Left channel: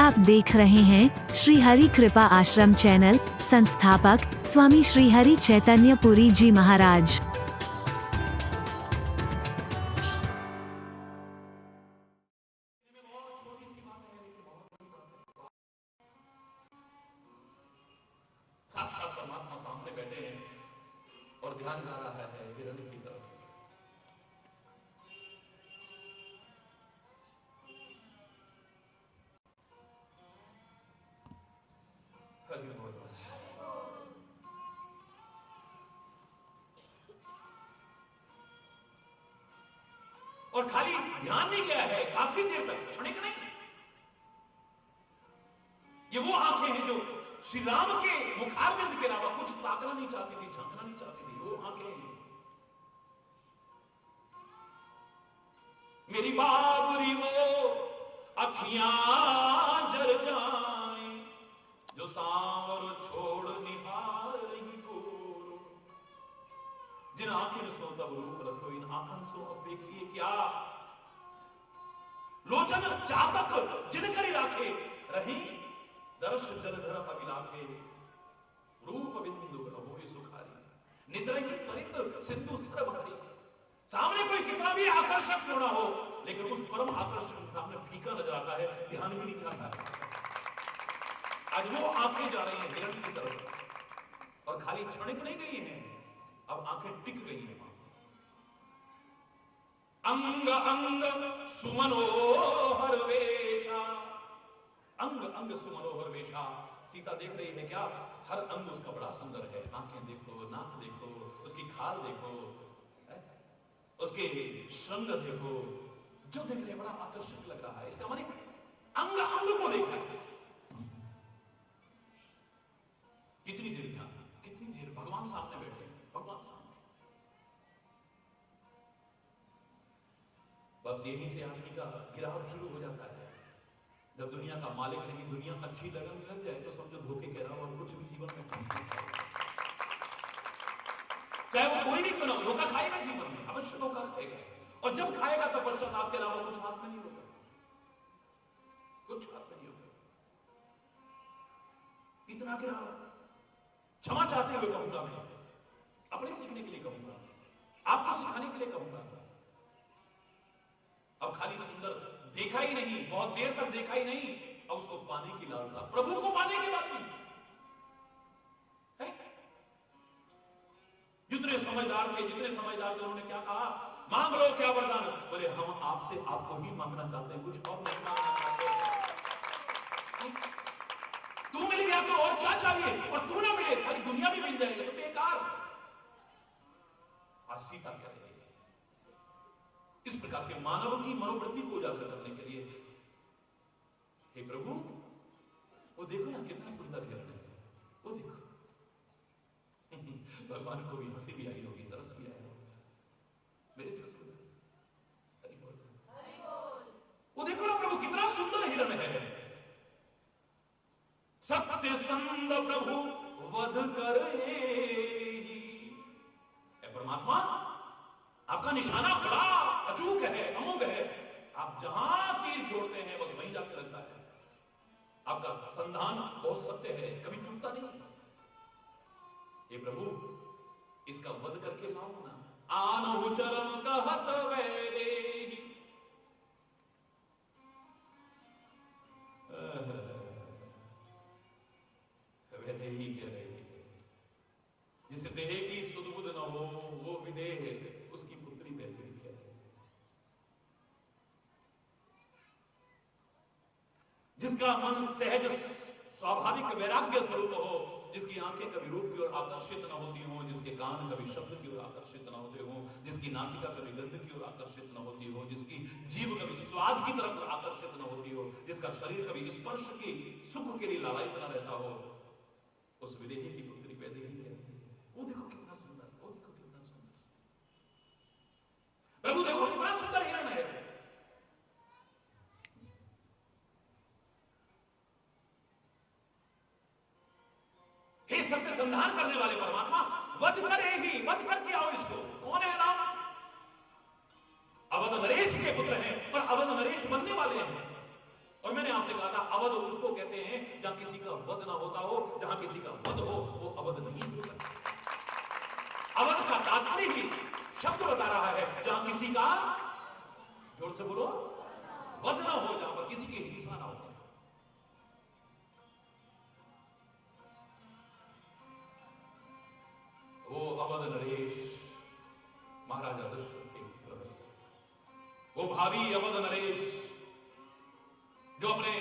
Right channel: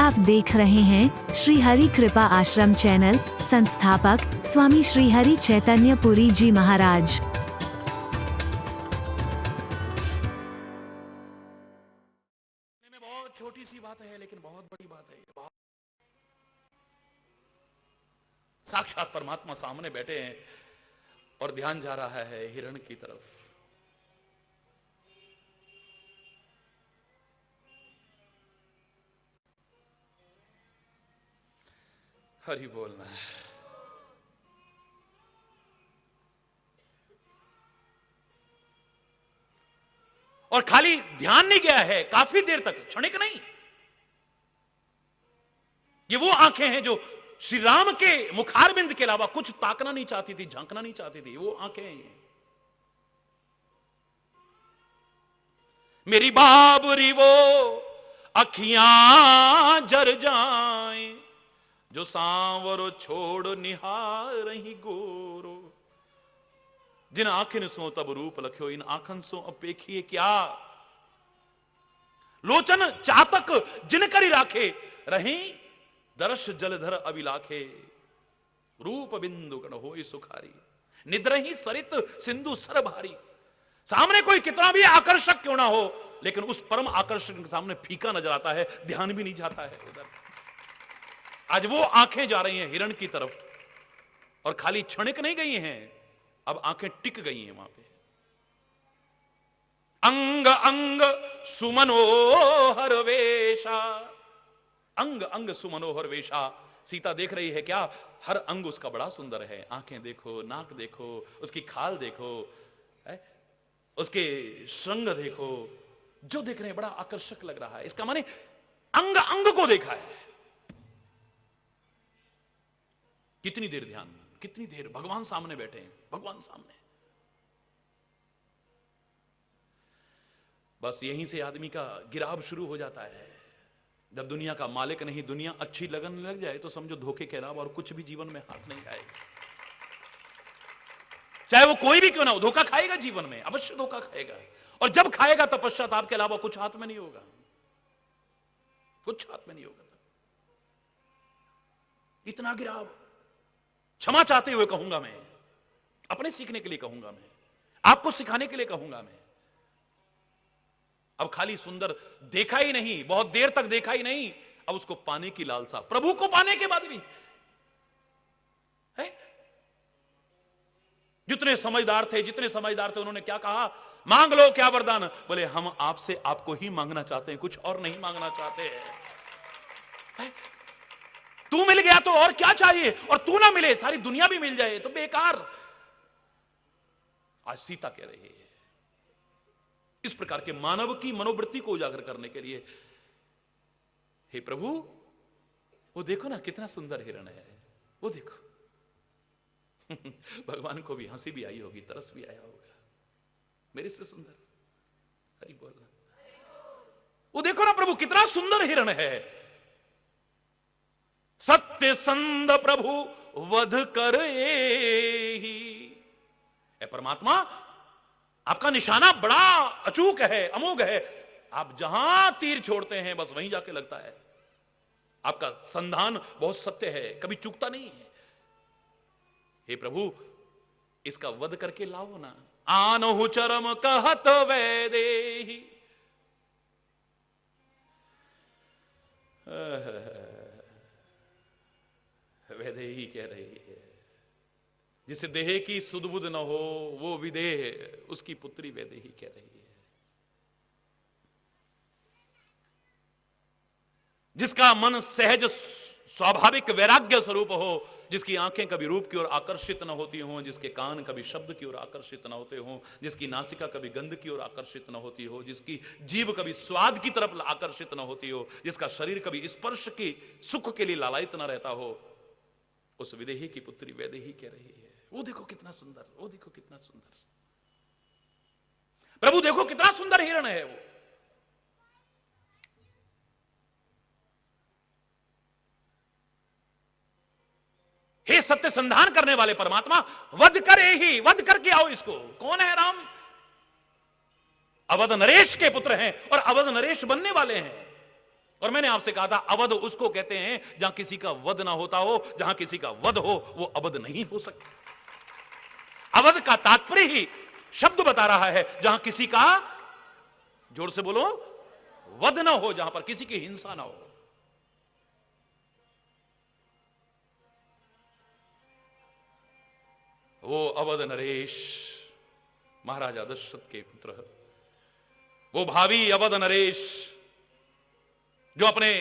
आप देख रहे हैं श्री हरि कृपा आश्रम चैनल। संस्थापक स्वामी श्री हरि चैतन्य पुरी जी महाराज। बहुत छोटी सी बात है लेकिन बहुत बड़ी बात है। साक्षात परमात्मा सामने बैठे हैं और ध्यान जा रहा है हिरण की तरफ। हरि बोलना है। और खाली ध्यान नहीं गया है, काफी देर तक, क्षणिक नहीं। ये वो आंखें हैं जो श्री राम के मुखारबिंद के अलावा कुछ ताकना नहीं चाहती थी, झांकना नहीं चाहती थी। वो आंखें हैं। मेरी बाबरी वो अखियां जर जाएं जो सांवर छोड़ निहार रही गोरो। जिन आंखें सो तब रूप लख्यो, इन आंखन सो अपेखिए क्या। लोचन चातक जिन करी राखे, रही दर्श जलधर अभिलाखे। रूप बिंदु गण होई सुखारी, निद्रही सरित सिंधु सर भारी। सामने कोई कितना भी आकर्षक क्यों ना हो, लेकिन उस परम आकर्षक के सामने फीका नजर आता है, ध्यान भी नहीं जाता है। आज वो आंखें जा रही हैं हिरण की तरफ, और खाली क्षणिक नहीं गई हैं, अब आंखें टिक गई हैं वहां पे। अंग अंग सुमनोहर वेशा, अंग अंग सुमनोहर वेशा। सीता देख रही है क्या, हर अंग उसका बड़ा सुंदर है। आंखें देखो, नाक देखो, उसकी खाल देखो, उसके श्रृंग देखो, जो देख रहे हैं बड़ा आकर्षक लग रहा है। इसका माने अंग अंग को देखा है। कितनी देर ध्यान, कितनी देर भगवान सामने बैठे हैं, भगवान सामने। बस यहीं से आदमी का गिराव शुरू हो जाता है। जब दुनिया का मालिक नहीं, दुनिया अच्छी लगने लग जाए तो समझो धोखे के अलावा और कुछ भी जीवन में हाथ नहीं आएगा। चाहे वो कोई भी क्यों ना हो, धोखा खाएगा जीवन में, अवश्य धोखा खाएगा। और जब खाएगा तब पश्चाताप के अलावा कुछ हाथ में नहीं होगा, कुछ हाथ में नहीं होगा। इतना गिराव। क्षमा चाहते हुए कहूंगा मैं, अपने सीखने के लिए कहूंगा मैं, आपको सिखाने के लिए कहूंगा मैं। अब खाली सुंदर देखा ही नहीं, बहुत देर तक देखा ही नहीं, अब उसको पाने की लालसा, प्रभु को पाने के बाद भी है। जितने समझदार थे उन्होंने क्या कहा, मांग लो क्या वरदान। बोले हम आपसे आपको ही मांगना चाहते हैं, कुछ और नहीं मांगना चाहते हैं। तू मिल गया तो और क्या चाहिए, और तू ना मिले सारी दुनिया भी मिल जाए तो बेकार। आज सीता कह रही है। इस प्रकार के मानव की मनोवृत्ति को उजागर करने के लिए, हे प्रभु वो देखो ना कितना सुंदर हिरण है, वो देखो। भगवान को भी हंसी भी आई होगी, तरस भी आया होगा, मेरे से सुंदर। हरि बोल। वो देखो ना प्रभु कितना सुंदर हिरण है। सत्य संद प्रभु वध कर ही। परमात्मा आपका निशाना बड़ा अचूक है, अमोघ है। आप जहां तीर छोड़ते हैं बस वहीं जाके लगता है। आपका संधान बहुत सत्य है, कभी चूकता नहीं है। हे प्रभु इसका वध करके लाओ ना। आनहु चरम कहत वैदेही। वैदेही कह रही है, जिसे देह की सुध बुध न हो वो विदेह, उसकी पुत्री वैदेही कह रही है। जिसका मन सहज स्वाभाविक वैराग्य स्वरूप हो, जिसकी आंखें कभी रूप की ओर आकर्षित न होती हों, जिसके कान कभी शब्द की ओर आकर्षित न होते हों, जिसकी नासिका कभी गंध की ओर आकर्षित न होती हो, जिसकी जीभ कभी स्वाद की तरफ आकर्षित न होती हो, जिसका शरीर कभी स्पर्श की सुख के लिए लालायित न रहता हो, उस विदेही की पुत्री वैदेही कह रही है। वो देखो कितना सुंदर, वो देखो कितना सुंदर। प्रभु देखो कितना सुंदर हिरण है वो। हे सत्य संधान करने वाले परमात्मा, वध करे ही, वध करके आओ इसको। कौन है राम? अवध नरेश के पुत्र हैं और अवध नरेश बनने वाले हैं। और मैंने आपसे कहा था अवध उसको कहते हैं जहां किसी का वध ना होता हो, जहां किसी का वध हो वो अवध नहीं हो सकता। अवध का तात्पर्य ही शब्द बता रहा है, जहां किसी का, जोर से बोलो, वध ना हो, जहां पर किसी की हिंसा ना हो। वो अवध नरेश महाराजा दशरथ के पुत्र है, वो भावी अवध नरेश जो अपने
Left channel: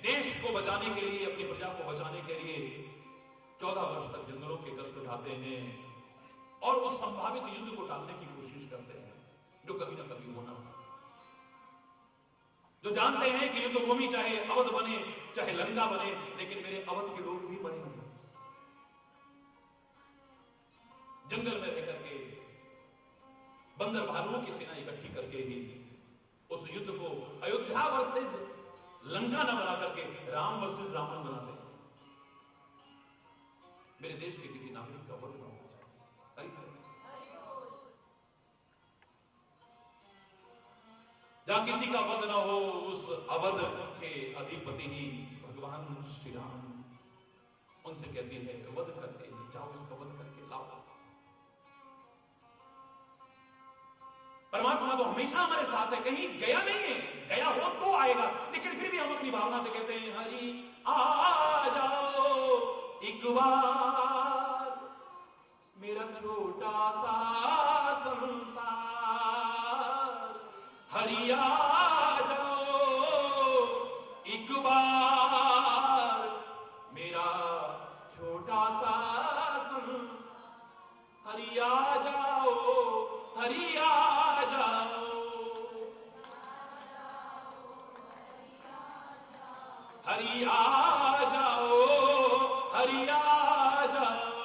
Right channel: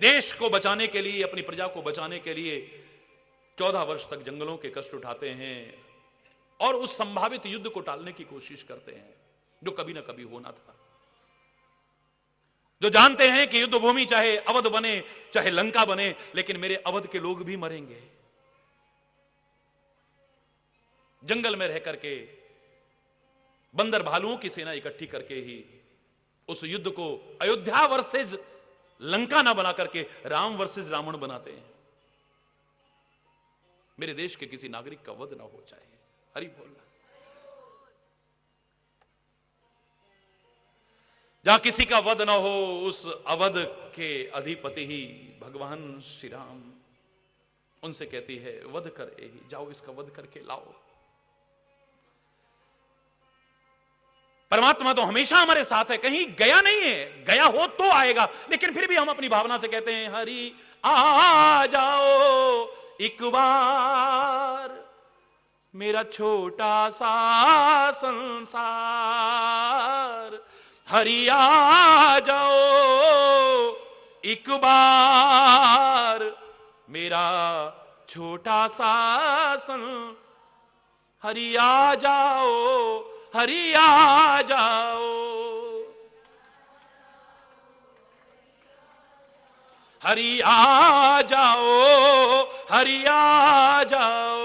देश को बचाने के लिए, अपनी प्रजा को बचाने के लिए 14 वर्ष तक जंगलों के कष्ट उठाते हैं और उस संभावित युद्ध को टालने की कोशिश करते हैं जो कभी ना कभी होना था। जो जानते हैं कि युद्ध भूमि चाहे अवध बने चाहे लंका बने, लेकिन मेरे अवध के लोग भी मरेंगे। जंगल में रह करके बंदर भालुओं की सेना इकट्ठी करके ही उस युद्ध को अयोध्या वर्सेस लंका ना बना करके राम वर्सेस रावण बनाते हैं। मेरे देश के किसी नागरिक का वध ना हो जाए। हरि बोल। जहां किसी का वध ना हो, उस अवध के अधिपति ही भगवान श्री राम उनसे कहती है वध करे, जाओ इसका वध करके लाओ। परमात्मा तो हमेशा हमारे साथ है, कहीं गया नहीं है, गया हो तो आएगा, लेकिन फिर भी हम अपनी भावना से कहते हैं हरि आ जाओ एक बार मेरा छोटा सा संसार, हरि आ जाओ एक बार मेरा छोटा सा हरि आ जाओ, हरि आ जाओ, हरि आ जाओ, हरि आ जाओ।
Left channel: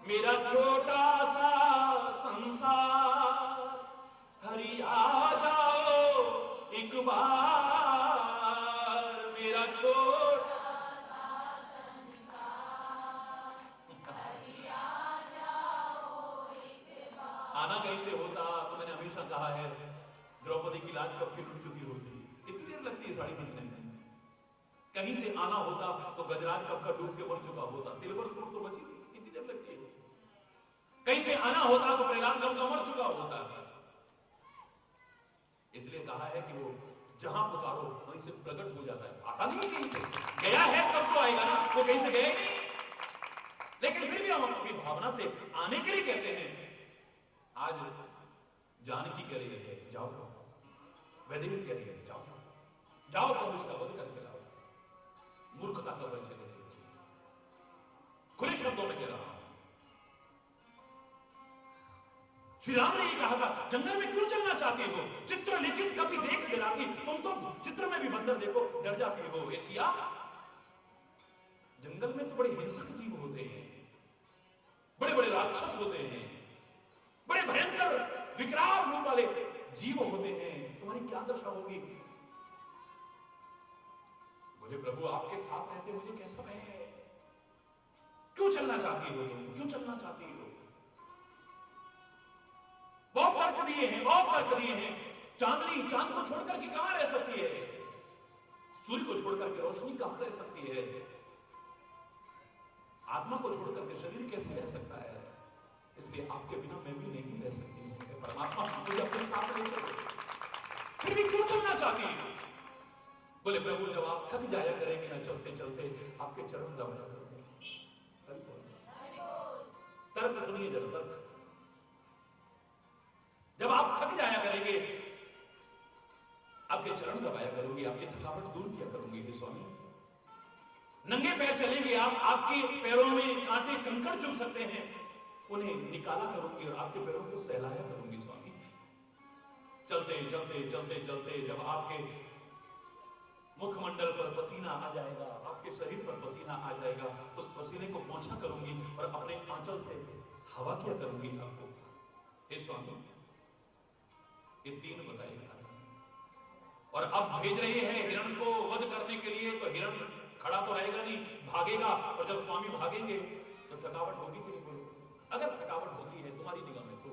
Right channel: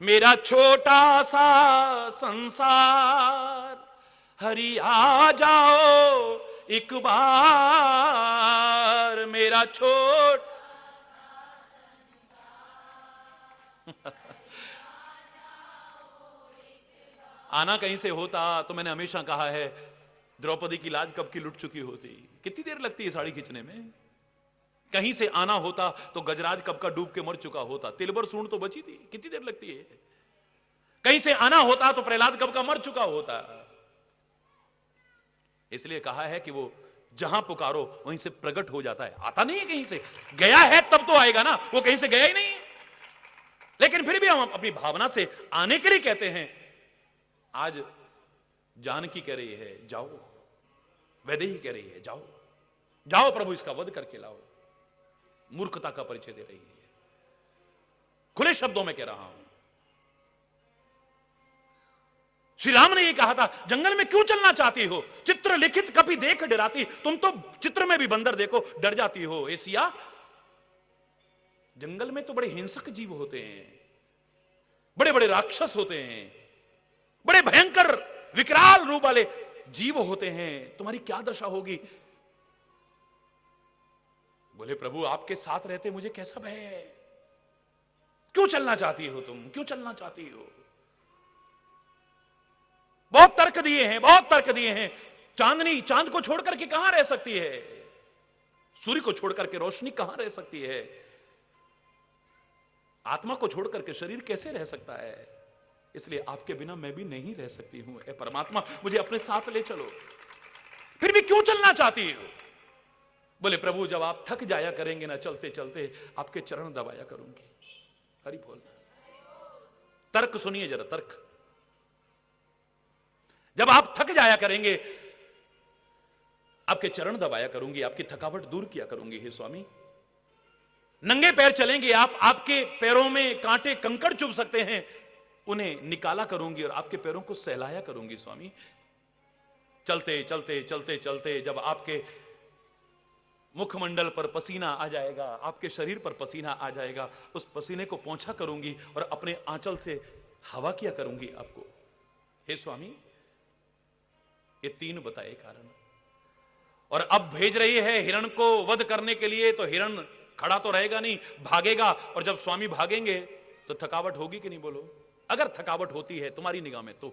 मेरा छोटा सा संसार, हरि आ जाओ एक बार मेरा छोटा आना कहीं से होता तो मैंने हमेशा कहा है द्रौपदी की लाज कब की लुट चुकी होती। कितनी देर लगती है साड़ी खींचने में? कहीं से आना होता तो गजराज कब का डूब के मर चुका होता। तिलबर सूंड तो बची थी, कितनी देर लगती है? कहीं से आना होता तो प्रहलाद कब का मर चुका होता। इसलिए कहा है कि वो जहां पुकारो वहीं से प्रकट हो जाता है। आता नहीं है कहीं से, गया है तब तो आएगा ना, वो कहीं से गया ही नहीं है। लेकिन फिर भी हम अपनी भावना से आने के लिए कहते हैं। आज जानकी कह रही है जाओ, वैदेही कह रही है जाओ, जाओ प्रभु इसका वध करके लाओ। मूर्खता का परिचय दे रही है, खुले शब्दों में कह रहा हूं। श्री राम ने ये कहा था जंगल में क्यों चलना चाहती हो, चित्र लिखित कभी देख डराती। तुम तो चित्र में भी बंदर देखो डर जाती हो। हे सिया, जंगल में तो बड़े हिंसक जीव होते हैं, बड़े बड़े राक्षस होते हैं, बड़े भयंकर विकराल रूप वाले जीव होते हैं, तुम्हारी क्या दशा होगी। बोले प्रभु आपके साथ रहते मुझे कैसा भय है, क्यों चलना चाहती हो तुम, क्यों चलना चाहती हो। बहुत तर्क दिए हैं, बहुत तर्क दिए हैं। चांदनी चांद को छोड़ करके कहां रह सकती है, सूर्य को छोड़ करके रोशनी कहां रह सकती है, आत्मा को छोड़ करके शरीर कैसे रह सकता है। इसलिए आपके बिना मैं भी नहीं रह सकती हूं। हे परमात्मा मुझे अपने साथ ले चलो। फिर भी क्यों चलना चाहती है। बोले प्रभु जब आप थक जाया करेंगे ना चलते चलते, आपके चरण दबाया करूंगी। हरि बोल। तर्क सुनिए जरा, तर्क। जब आप थक जाया करेंगे आपके चरण दबाया करूंगी, आपकी थकावट दूर किया करूंगी। हे स्वामी, नंगे पैर चलेंगे आप, आपके पैरों में कांटे कंकड़ चुभ सकते हैं, उन्हें निकाला करूंगी और आपके पैरों को सहलाया करूंगी। स्वामी चलते चलते चलते चलते जब आपके मुखमंडल पर पसीना आ जाएगा, आपके शरीर पर पसीना आ जाएगा, उस पसीने को पोंछा करूंगी और अपने आंचल से हवा किया करूंगी आपको। हे स्वामी, ये 3 बताए कारण। और अब भेज रही है हिरण को वध करने के लिए, तो हिरण खड़ा तो रहेगा नहीं, भागेगा। और जब स्वामी भागेंगे तो थकावट होगी कि नहीं, बोलो। अगर थकावट होती है तुम्हारी निगाह में तो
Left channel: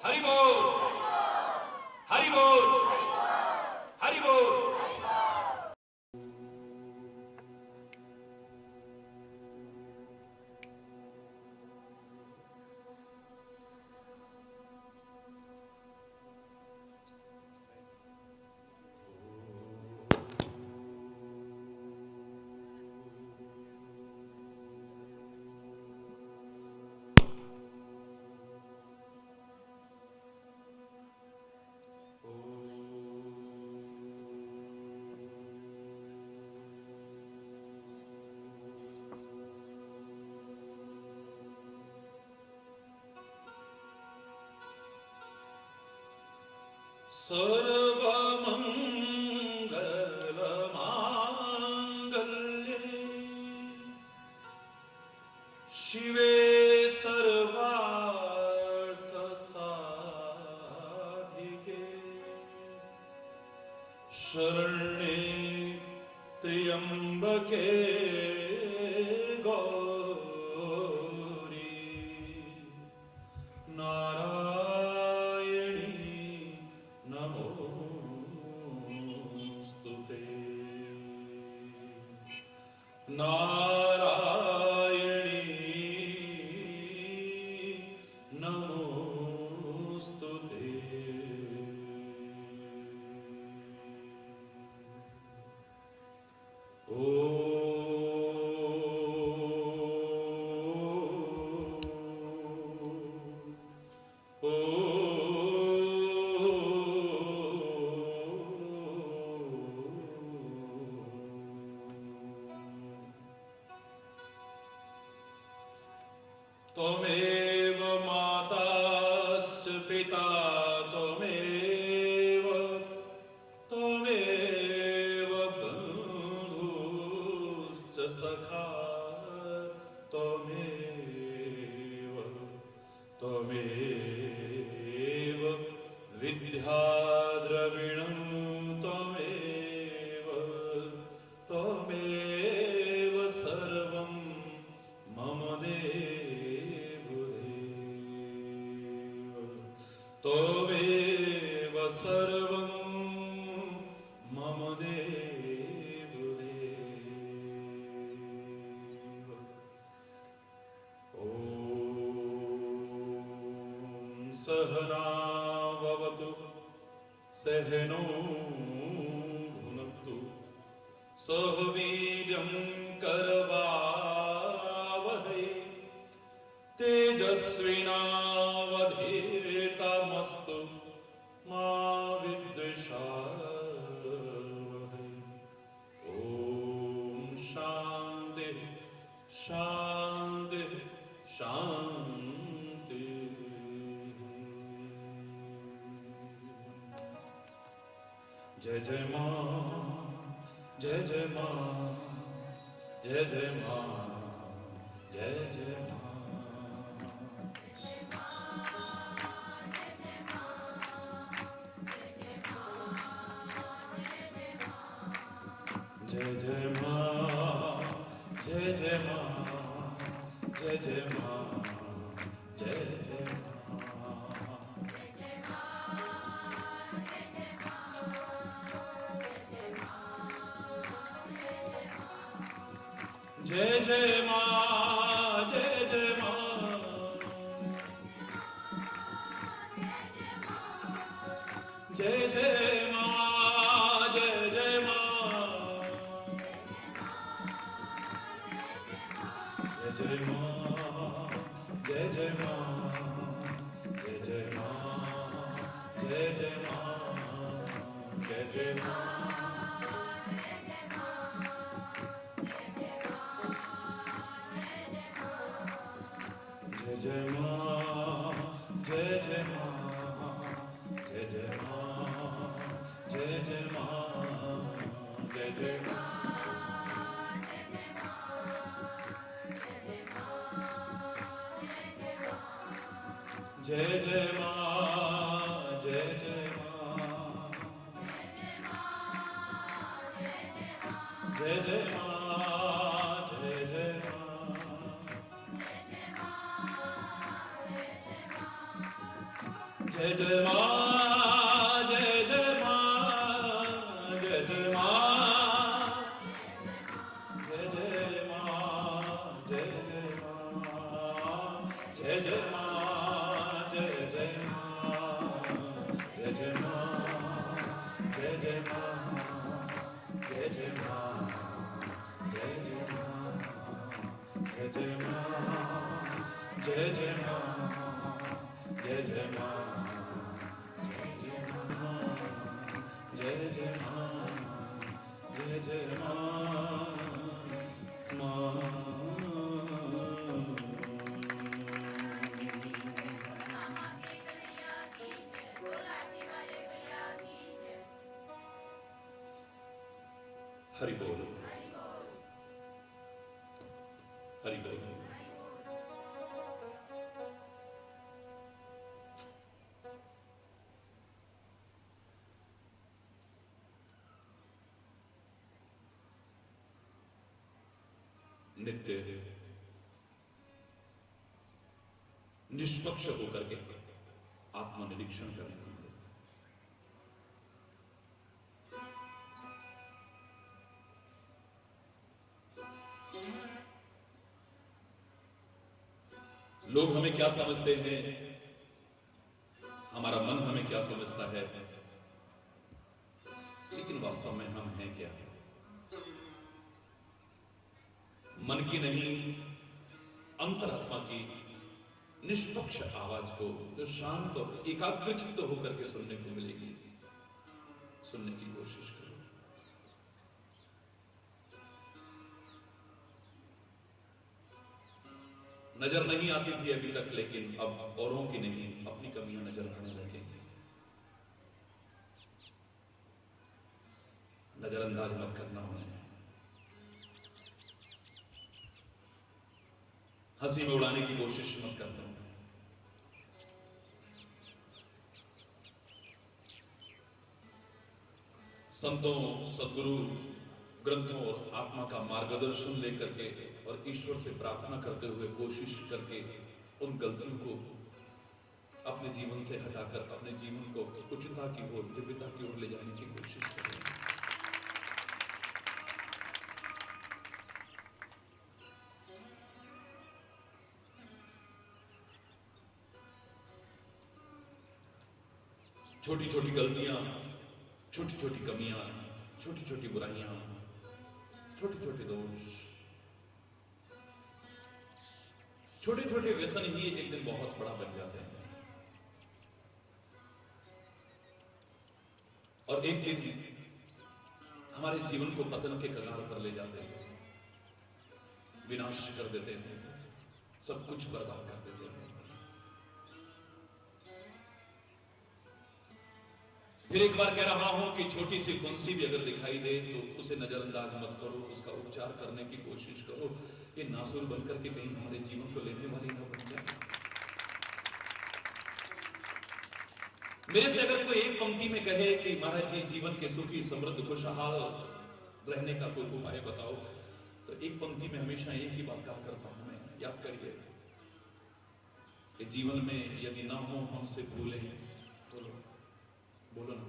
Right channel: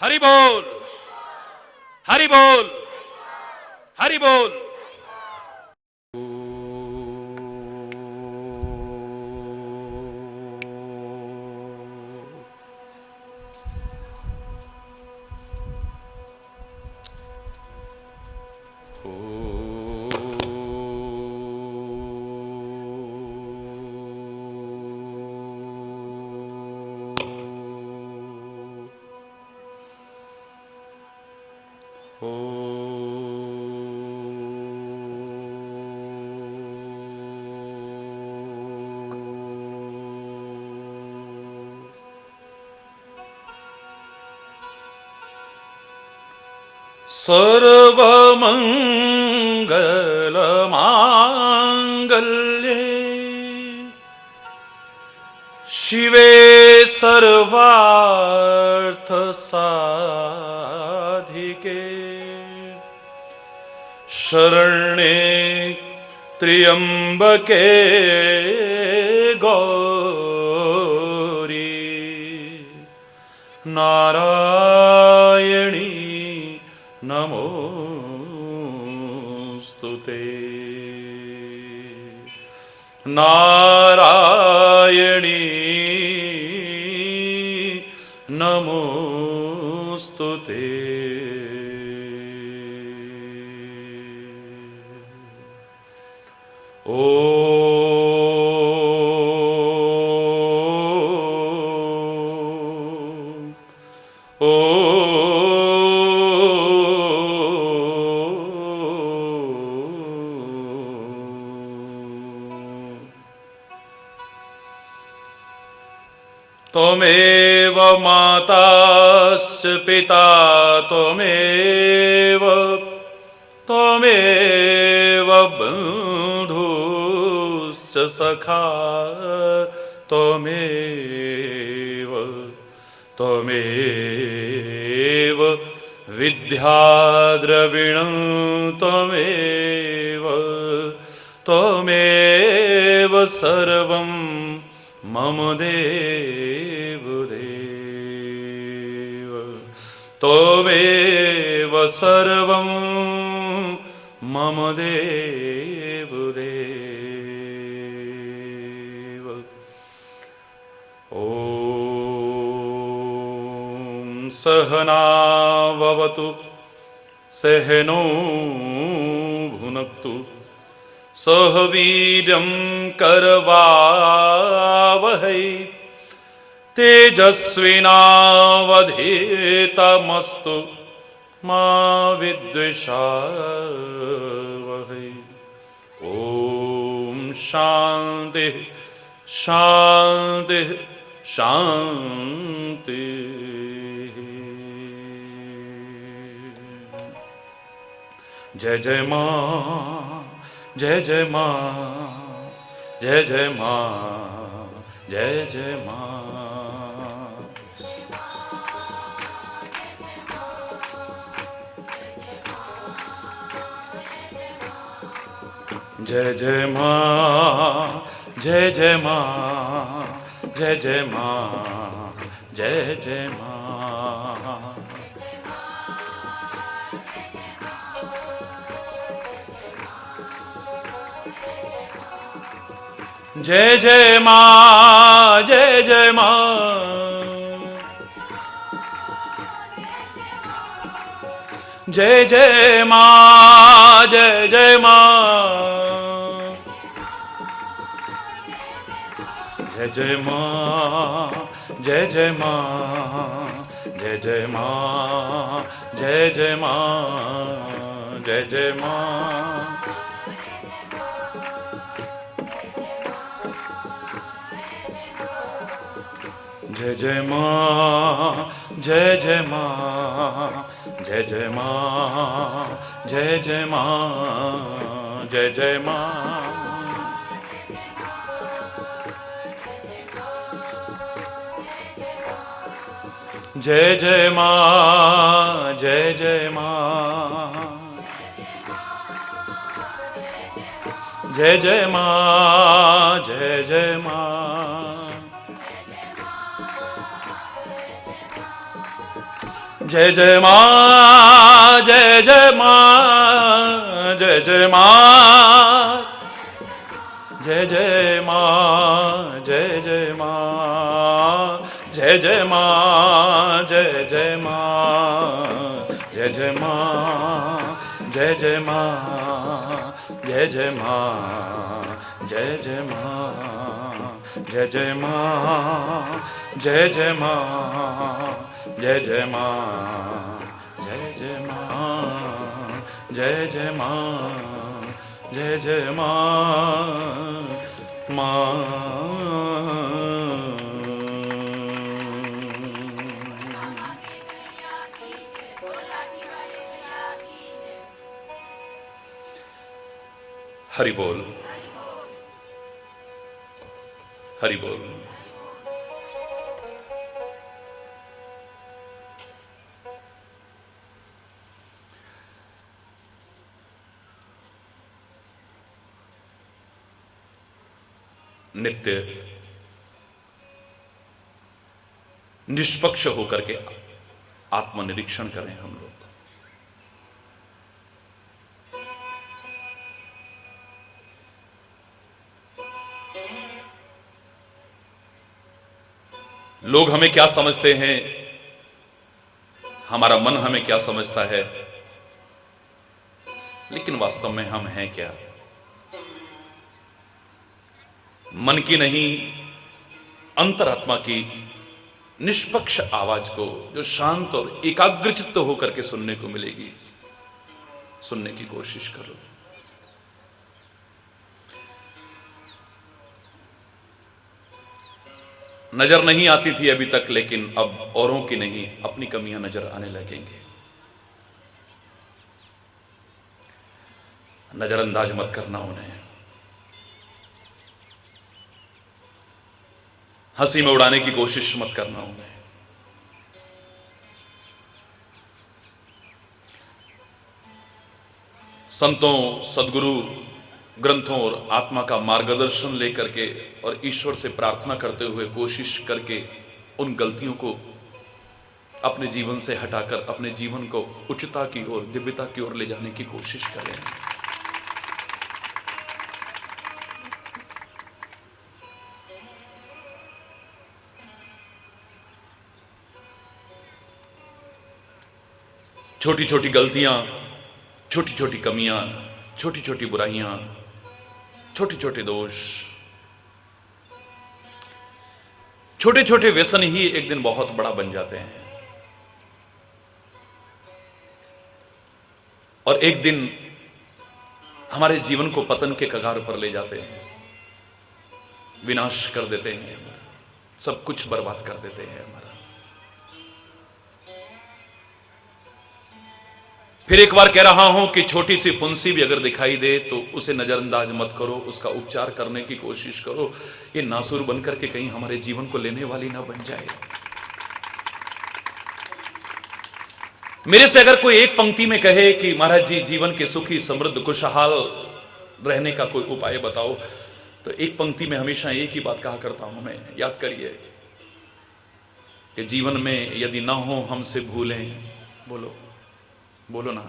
हरि बोल, हरि बोल, हरि बोल। सर्वमङ्गलमाङ्गल्ये शिवे सर्वार्थसाधिके शरण्ये त्र्यम्बके गौरी नारायणी नमोस्तुते। नारायणी नमोस्तुते। त्वमेव माताश्च पिता त्वमेव बन्धुश्च सखा त्वमेव विद्याद्रविणं त्वमेव सर्वं मम देव त्वमेव सर्वं मम देव। ॐ सहना भवतु सहनो भुनक्तु सह वीर्यं करवावहै तेजस्विनावधीतमस्तु मा विद्विषावहै। ॐ शान्ति शान्ति शान्ति। जय जय मां, जय जय मां, जय जय मां, जय जय मां। जय जय मां, जय जय मां, जय जय मां, जय जय मां। जय जय मां, जय जय मां, जय जय मां, जय जय मां, जय जय मां, जय जय मां, जय जय मां, जय जय मां, जय जय मां। जय जय मां, जय जय मां, जय जय मां, जय जय मां, जय जय मां। जय जय मां, जय जय मां, जय जय मां, जय जय मां। जय जय मां, जय जय मां, जय जय मां, जय जय मां, जय जय मां, जय जय मां, जय जय मां, जय जय मां, जय जय मां, जय जय मां, जय जय मां, जय जय मां, जय जय मां, जय जय मां, जय जय मां, जय जय मां, जय जय मां, मां। हरि बोल, हरि बोल। नित्य निष्पक्ष होकर के आत्मनिरीक्षण करें हम लोग। लोग हमें क्या समझते हैं, हमारा मन हमें क्या समझता है, लेकिन वास्तव में हम हैं क्या? मन की नहीं, अंतरात्मा की निष्पक्ष आवाज को जो शांत और एकाग्रचित्त होकर के सुनने को मिलेगी, सुनने की कोशिश करो। नजर नहीं आती थी अभी तक, लेकिन अब औरों की नहीं, अपनी कमियां नजर आने लगेंगे। नजरअंदाज मत करना उन्हें, हंसी में उड़ाने की कोशिश मत करना उन्हें। संतों, सदगुरु, ग्रंथों और आत्मा का मार्गदर्शन लेकर के और ईश्वर से प्रार्थना करते हुए कोशिश करके उन गलतियों को अपने जीवन से हटाकर अपने जीवन को उच्चता की ओर, दिव्यता की ओर ले जाने की कोशिश करें। छोटी छोटी गलतियां, छोटी छोटी कमियां, छोटी छोटी बुराइयां, छोटे छोटे दोष, छोटे छोटे व्यसन ही एक दिन बहुत बड़ा बन जाते हैं और एक दिन हमारे जीवन को पतन के कगार पर ले जाते हैं, विनाश कर देते हैं, सब कुछ बर्बाद कर देते हैं हमारा। फिर एक बार कह रहा हूं कि छोटी सी फुंसी भी अगर दिखाई दे तो उसे नजरअंदाज मत करो, उसका उपचार करने की कोशिश करो। ये नासुर बनकर के कहीं हमारे जीवन को लेने वाली ना बन जाए। मेरे से अगर कोई एक पंक्ति में कहे कि महाराज जी जीवन के सुखी समृद्ध खुशहाल रहने का कोई उपाय बताओ, तो एक पंक्ति में हमेशा एक ही बात कहा करता हूं मैं, याद करिए कि जीवन में यदि ना हो हमसे भूलें, बोलो बोलो ना,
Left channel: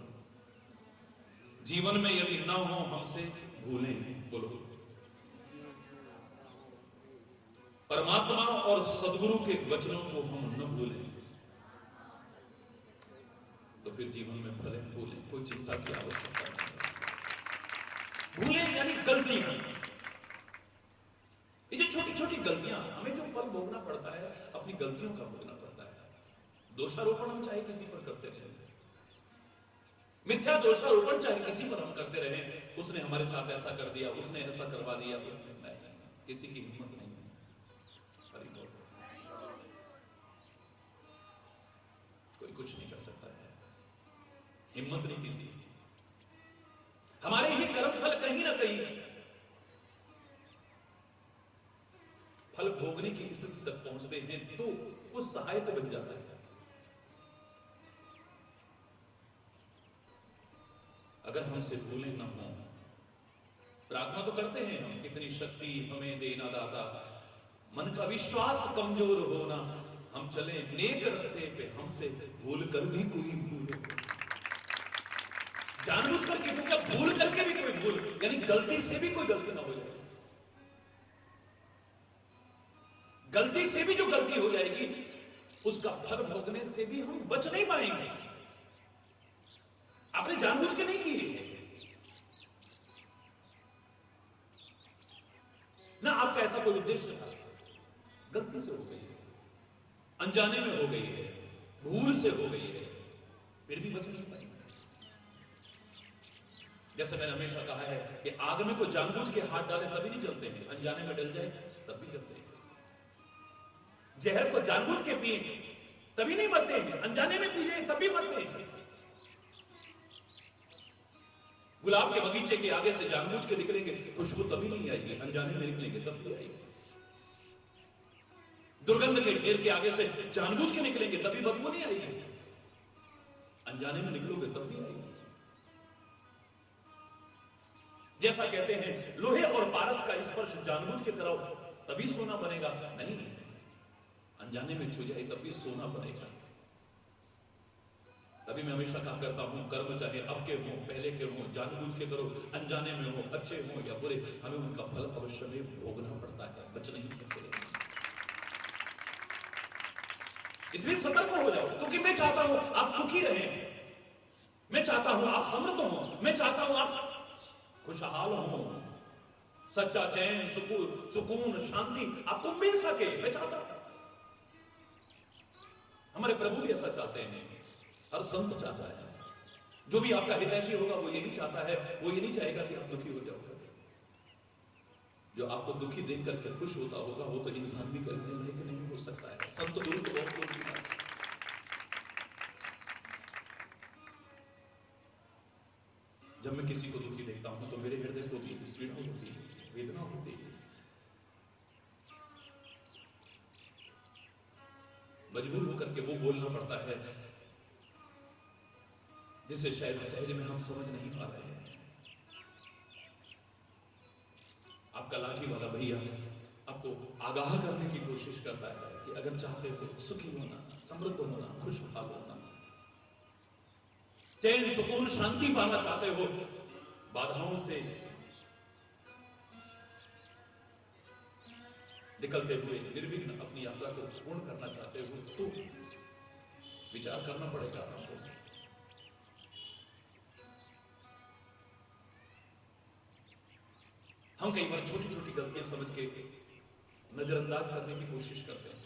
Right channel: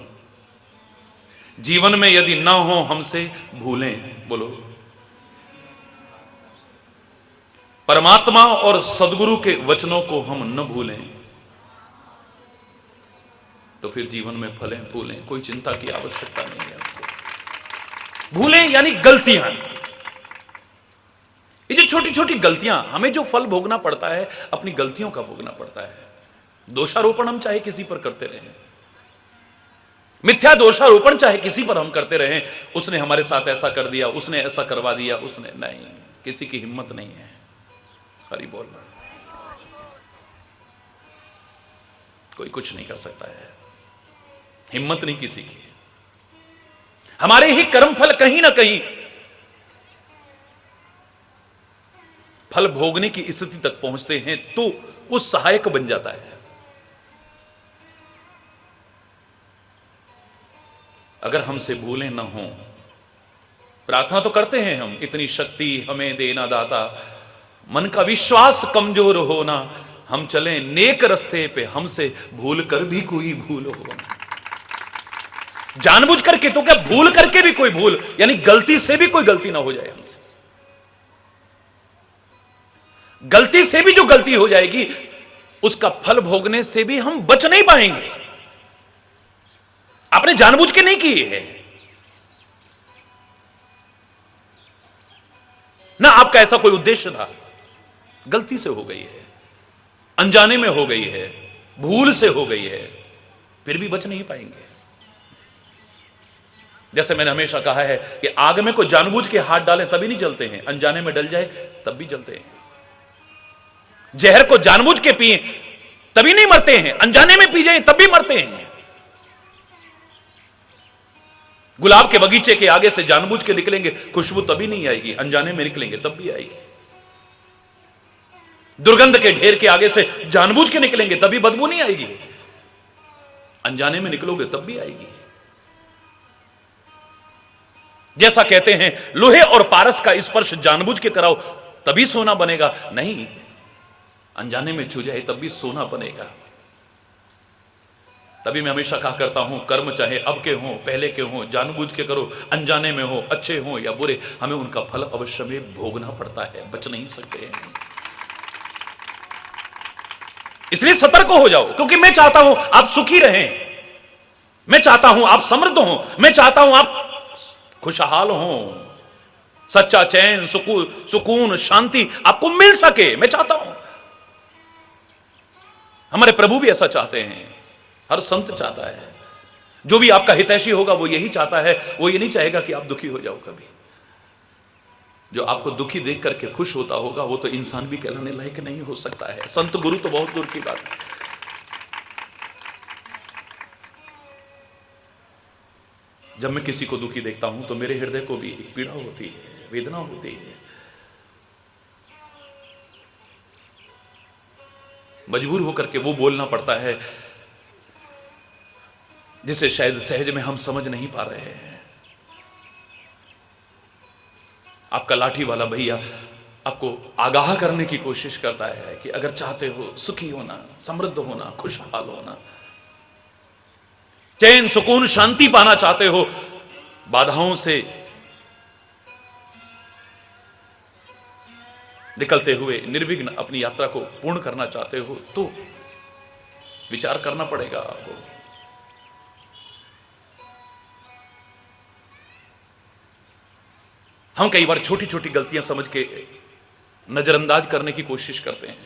जीवन में यदि ना हो हमसे भूलें, बोलो, परमात्मा और सदगुरु के वचनों को हम न भूलें, तो फिर जीवन में फलें फूलें, कोई चिंता की आवश्यकता नहीं है आपको। भूलें यानी गलतियां, ये जो छोटी छोटी गलतियां, हमें जो फल भोगना पड़ता है अपनी गलतियों का भोगना पड़ता है। दोषारोपण हम चाहे किसी पर करते रहें, मिथ्या दोषारोपण चाहे किसी पर हम करते रहें, उसने हमारे साथ ऐसा कर दिया, उसने ऐसा करवा दिया, उसने, नहीं, किसी की हिम्मत नहीं है। हरि बोल, कोई कुछ नहीं कर सकता है, हिम्मत नहीं किसी की। हमारे ही कर्म फल कहीं ना कहीं फल भोगने की स्थिति तक पहुंचते हैं तो वो सहायक बन जाता है। अगर हमसे भूलें ना हो, प्रार्थना तो करते हैं हम, इतनी शक्ति हमें देना दाता, मन का विश्वास कमजोर होना, हम चलें नेक रस्ते पे, हमसे भूल कर भी कोई भूल हो। जानबूझ करके तो क्या, भूल करके भी कोई भूल, यानी गलती से भी कोई गलती ना हो जाए हमसे। गलती से भी जो गलती हो जाएगी उसका फल भोगने से भी हम बच नहीं पाएंगे। आपने जानबूझ के नहीं की है ना, आपका ऐसा कोई उद्देश्य था, गलती से हो गई है, अनजाने में हो गई है, भूल से हो गई है, फिर भी बच नहीं पाएंगे। जैसे मैंने हमेशा कहा है कि आग में कोई जानबूझ के हाथ डाले तभी नहीं जलते हैं, अनजाने में डल जाए तब भी जलते हैं। जहर को जानबूझ के पिए तभी नहीं मरते हैं, अनजाने में पी जाए तब भी मरते हैं। गुलाब के बगीचे के आगे से जानबूझ के निकलेंगे, खुशबू तभी नहीं आएगी, अनजाने में निकलेंगे तब भी आएगी। दुर्गंध के ढेर के आगे से जानबूझ के निकलेंगे तभी बदबू नहीं आएगी, अनजाने में निकलोगे तब भी आएगी। जैसा कहते हैं लोहे और पारस का स्पर्श जानबूझ के कराओ तभी सोना बनेगा, नहीं, अनजाने में छू जाए तब भी सोना बनेगा। तभी मैं हमेशा कहा करता हूं, कर्म चाहे अब के हों पहले के हों, जानबूझ के करो, अनजाने में हो, अच्छे हों या बुरे, हमें उनका फल अवश्य में भोगना पड़ता है, बच नहीं सकते हैं। इसलिए सतर्क हो जाओ, क्योंकि मैं चाहता हूं आप सुखी रहें, मैं चाहता हूं आप समृद्ध हों, मैं चाहता हूं आप खुशहाल हों, सच्चा चैन, सुकून, शांति आपको मिल सके, मैं चाहता हूं। हमारे प्रभु भी ऐसा चाहते हैं, हर संत चाहता है, जो भी आपका हितैषी होगा वो यही चाहता है, वो ये नहीं चाहेगा कि आप दुखी हो जाओ कभी। जो आपको दुखी देख करके खुश होता होगा वो तो इंसान भी कहलाने लायक नहीं हो सकता है, संत गुरु तो बहुत दूर की बात है। जब मैं किसी को दुखी देखता हूं तो मेरे हृदय को भी पीड़ा होती है, वेदना होती है, मजबूर होकर के वो बोलना पड़ता है जिसे शायद सहज में हम समझ नहीं पा रहे हैं। आपका लाठी वाला भैया आपको आगाह करने की कोशिश करता है कि अगर चाहते हो सुखी होना, समृद्ध होना, खुशहाल होना, चैन, सुकून, शांति पाना चाहते हो, बाधाओं से निकलते हुए निर्विघ्न अपनी यात्रा को पूर्ण करना चाहते हो, तो विचार करना पड़ेगा आपको। हम कई बार छोटी छोटी गलतियां समझ के नजरअंदाज करने की कोशिश करते हैं,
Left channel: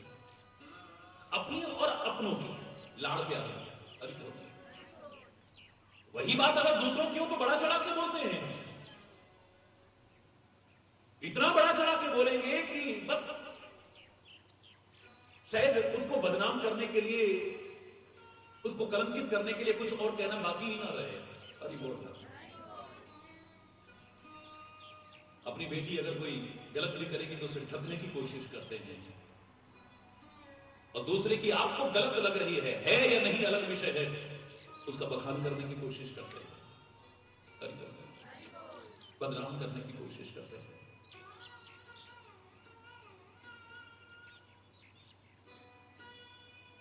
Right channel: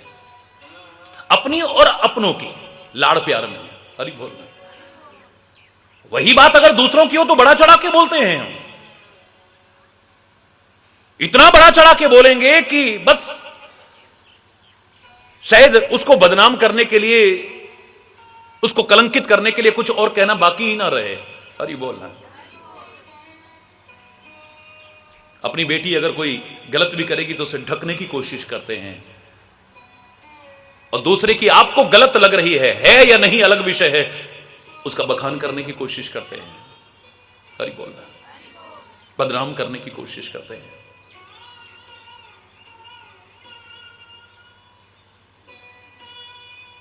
अपनी और अपनों की लाड़ प्यार में। अरे बोलना वही बात अगर दूसरों की हो तो बड़ा चढ़ा के बोलते हैं हम, इतना बड़ा चढ़ा के बोलेंगे कि बस शायद उसको बदनाम करने के लिए, उसको कलंकित करने के लिए कुछ और कहना बाकी ही ना रहे। अरे बोलना अपनी बेटी अगर कोई गलत भी करेगी तो उसे ढकने की कोशिश करते हैं, और दूसरे की आपको गलत लग रही है या नहीं अलग विषय है, उसका बखान करने की कोशिश करते हैं। अरे बोलना बदनाम करने की कोशिश करते हैं।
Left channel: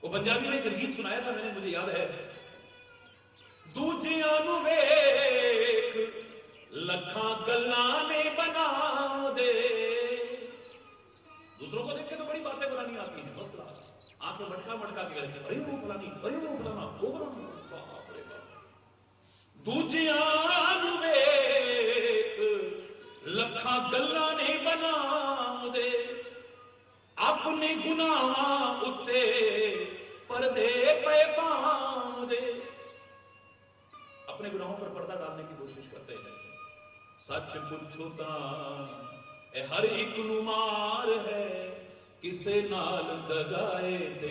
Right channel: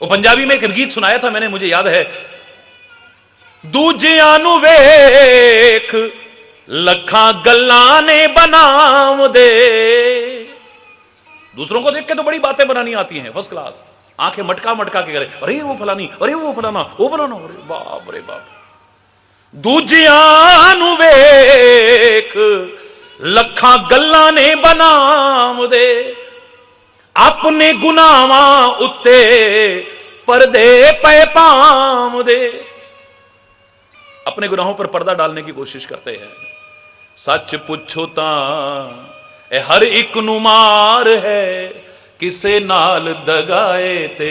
वो पंजाबी में एक गीत सुनाया था मैंने, मुझे याद है, दूजियां नू वेख लखा गल्लां ने बनाव दे। दूसरों को देख के तो बड़ी बातें बनानी आती हैं, फर्स्ट क्लास, आंखें मटका मटका के करे, अरे वो फलानी, अरे वो फलाना, वो फलाना, अरे बाप रे बाप। दूजियां नू वेख लखा गल्लां ने बनाव दे, अपने गुनाहां उत्ते पर्दे पे पाव दे। अपने गुनाहों पर पर्दा डालने की कोशिश करते हैं। सच पुछो तां ए हर एक नू मार है, किसे नाल दगाए ते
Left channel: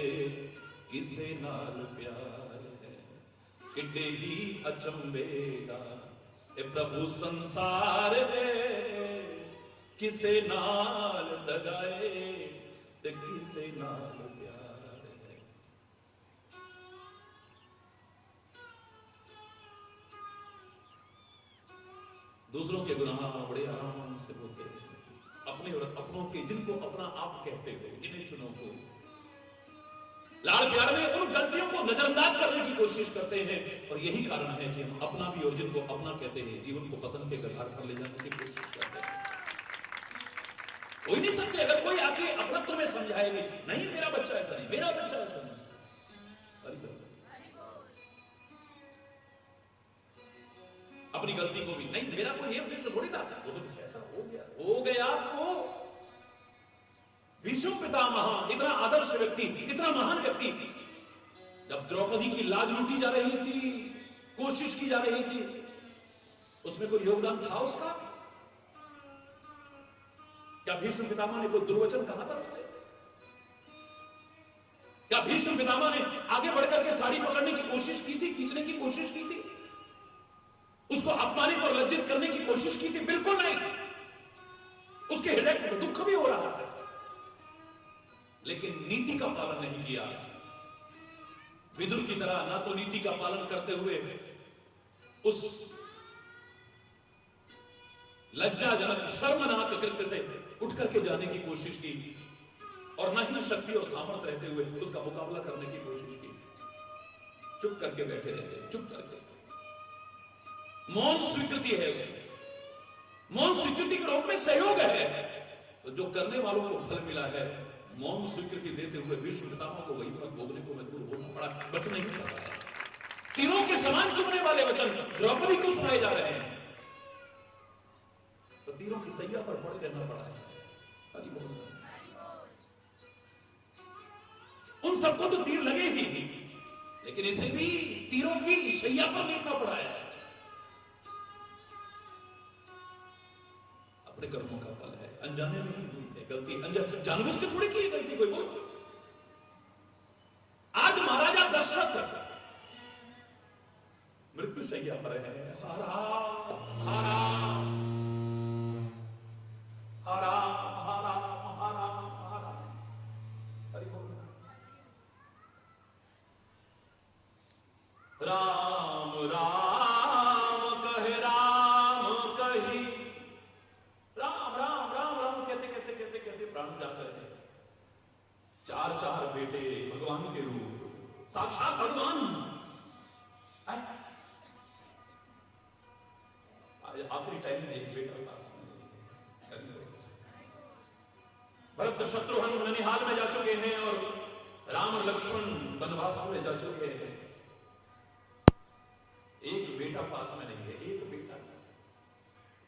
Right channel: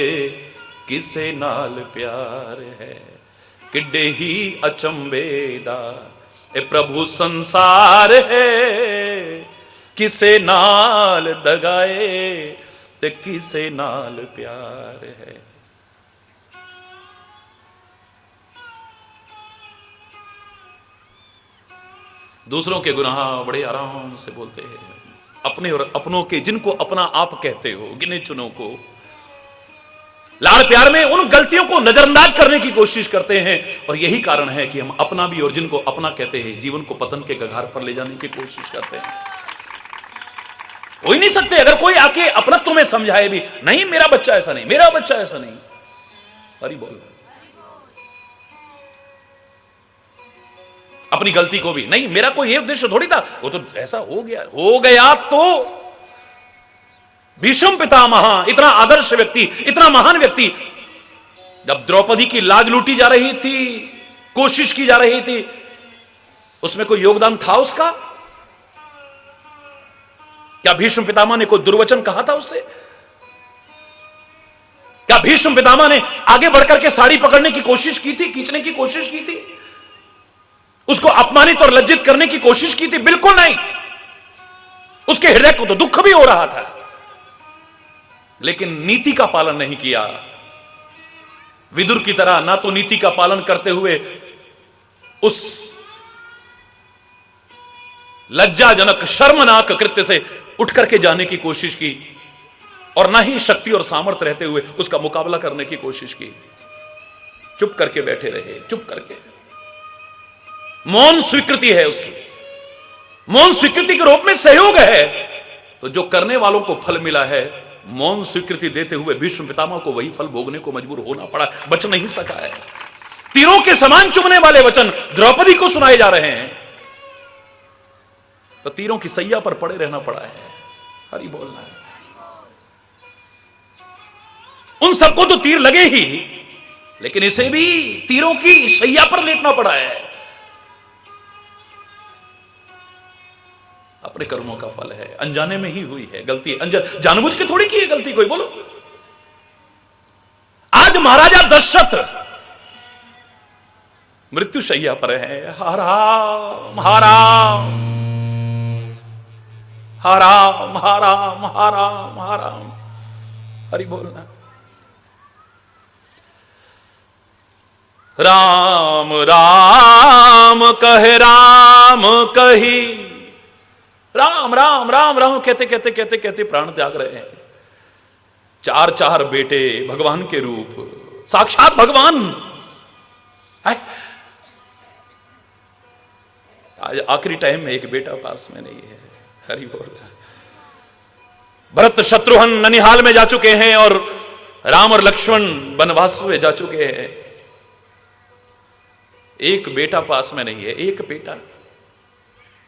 किसे नाल प्यार है। किड्डे ही अचंभे दा ए प्रभु संसार है, किसे नाल दगाए ते किसे नाल प्यार है। दूसरों के गुनाह बड़े आराम से बोलते हैं, अपने और अपनों के, जिनको अपना आप कहते हो, गिने चुनों को लाड़ प्यार में उन गलतियों को नजरअंदाज करने की कोशिश करते हैं, और यही कारण है कि हम अपना भी और जिनको अपना कहते हैं जीवन को पतन के कगार पर ले जाने की कोशिश करते हैं। हो ही नहीं सकते। अगर कोई आके अपना तुम्हें समझाए भी, नहीं मेरा बच्चा ऐसा नहीं, मेरा बच्चा ऐसा नहीं, हरि बोल, अपनी गलती को भी नहीं, मेरा कोई ये उद्देश्य थोड़ी था, वो तो ऐसा हो गया तो भीष्म पितामह, इतना आदर्श व्यक्ति, इतना महान व्यक्ति, जब द्रौपदी की लाज लूटी जा रही थी, कोशिश की जा रही थी, उसमें कोई योगदान था उसका? क्या भीष्म पितामह ने कोई दुर्वचन कहा था उससे? क्या भीष्म पितामह ने आगे बढ़कर के साड़ी पकड़ने की कोशिश की थी, खींचने की कोशिश की थी, उसको अपमानित और लज्जित करने की कोशिश की थी? बिल्कुल नहीं। उसके हृदय को तो दुख भी हो रहा था, लेकिन नीति का पालन नहीं किया। विदुर की तरह ना तो नीति का पालन करते हुए उस लज्जाजनक शर्मनाक कृत्य से उठ करके जाने की कोशिश की, और ना ही शक्ति और सामर्थ्य रहते हुए उसका मुकाबला करने की कोशिश की। चुप करके बैठे रहे, चुप करके। मौन स्वीकृति है उसकी, मौन स्वीकृति के रूप में सहयोग है। तो जो करने वालों को फल मिला है, मौन स्वीकृति देते हुए भीष्म पितामह को वही फल भोगने को मजबूर होना पड़ा, बच नहीं सका है। तीरों के समान चुभने वाले वचन द्रौपदी को सुनाए जा रहे हैं, तो तीरों की सैया पर पड़े रहना पड़ा है। हरि बोलना है। उन सबको तो तीर लगे ही, लेकिन इसे भी तीरों की सैया पर लेटना पड़ा है। अपने कर्मों का फल है, अनजाने में ही हुई है गलती, जानबूझ के थोड़ी की है गलती कोई, बोलो। आज महाराजा दशरथ मृत्यु शैया पर है, हराम हराम हराम हराम हराम हराम, हरि बोलना। राम राम कहे राम कही, राम राम राम राम कहते कहते कहते कहते प्राण त्याग रहे हैं। चार चार बेटे भगवान के रूप, साक्षात भगवान है। आज आखिरी टाइम में एक बेटा पास में नहीं है। हरि बोल। भरत शत्रुघ्न ननिहाल में जा चुके हैं और राम और लक्ष्मण वनवास में जा चुके हैं। एक बेटा पास में नहीं है, एक बेटा।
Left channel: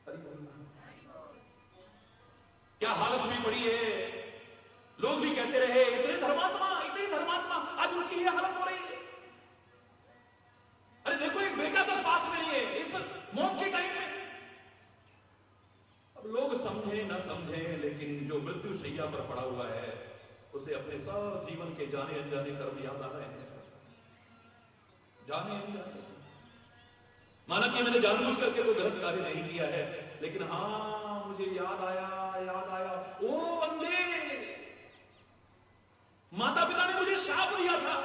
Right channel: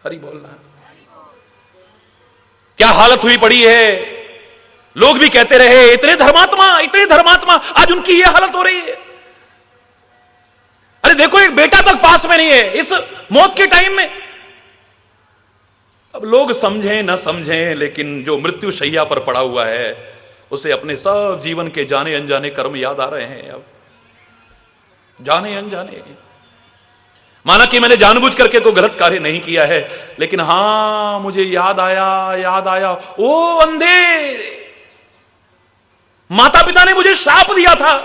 हरि बोलना। क्या हालत हुई पड़ी है। लोग भी कहते रहे इतने धर्मात्मा, इतने धर्मात्मा, आज उनकी यह हालत हो रही है। अरे देखो, एक बेटा तक पास में नहीं है इस मौत के टाइम में। अब लोग समझें न समझें, लेकिन जो मृत्यु शैया पर पड़ा हुआ है उसे अपने सब जीवन के जाने अनजाने कर्म याद आ रहे हैं। अब जाने अनजाने, माना कि मैंने जानबूझ करके कोई गलत कार्य नहीं किया है, लेकिन हां मुझे याद आया, ओ अंधे, माता पिता ने मुझे शाप दिया था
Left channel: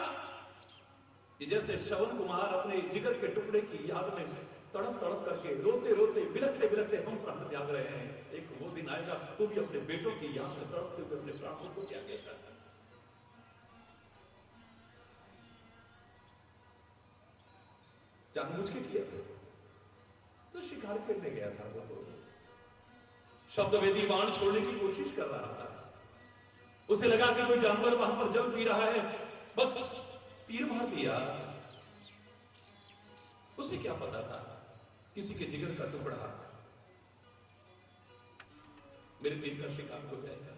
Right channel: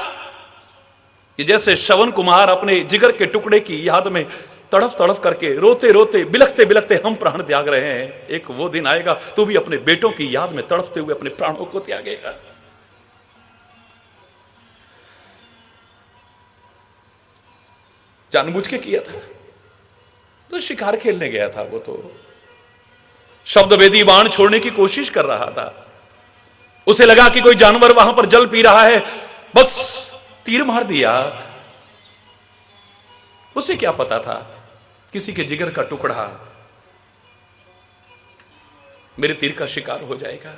कि जैसे श्रवण कुमार अपने जिगर के टुकड़े की याद में तड़फ तड़फ करके रोते रोते बिलखते बिलखते हम प्राण त्याग रहे हैं, एक वो दिन आएगा तू भी अपने बेटों की याद में तड़फते हुए अपने प्राणों को त्यागेगा। जानबूझ के किया था, तो शिकार खेलने गया था वो, तो शब्दभेदी बाण छोड़ने की कोशिश कर रहा था। उसे लगा कि कोई जानवर वहां पर जल पी रहा है, बस तीर मार दिया। उसे क्या पता था किसी के जिगर का टुकड़ा मेरे तीर का शिकार हो जाएगा।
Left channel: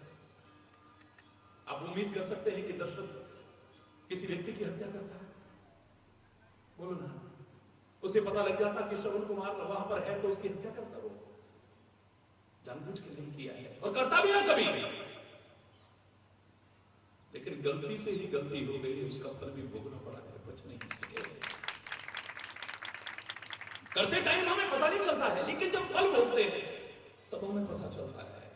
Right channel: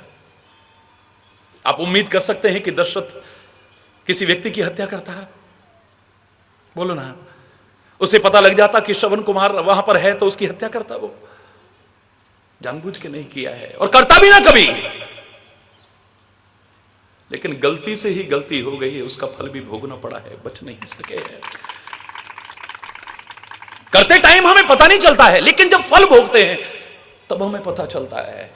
आप उम्मीद कर सकते हैं कि दशरथ किसी व्यक्ति की हत्या करता है? बोलो ना। उसे पता लग जाता कि श्रवण कुमार वहां पर है तो उसकी हत्या करता? वो जानबूझ के नहीं किया है और करता भी ना कभी, लेकिन गलती से ही गलती हो गई है, उसका फल भी भोगना पड़ा है, बच नहीं सके है। करते टाइम हमें पता नहीं चलता है, लेकिन जब फल भोगते हैं तब हमें पता चलता है।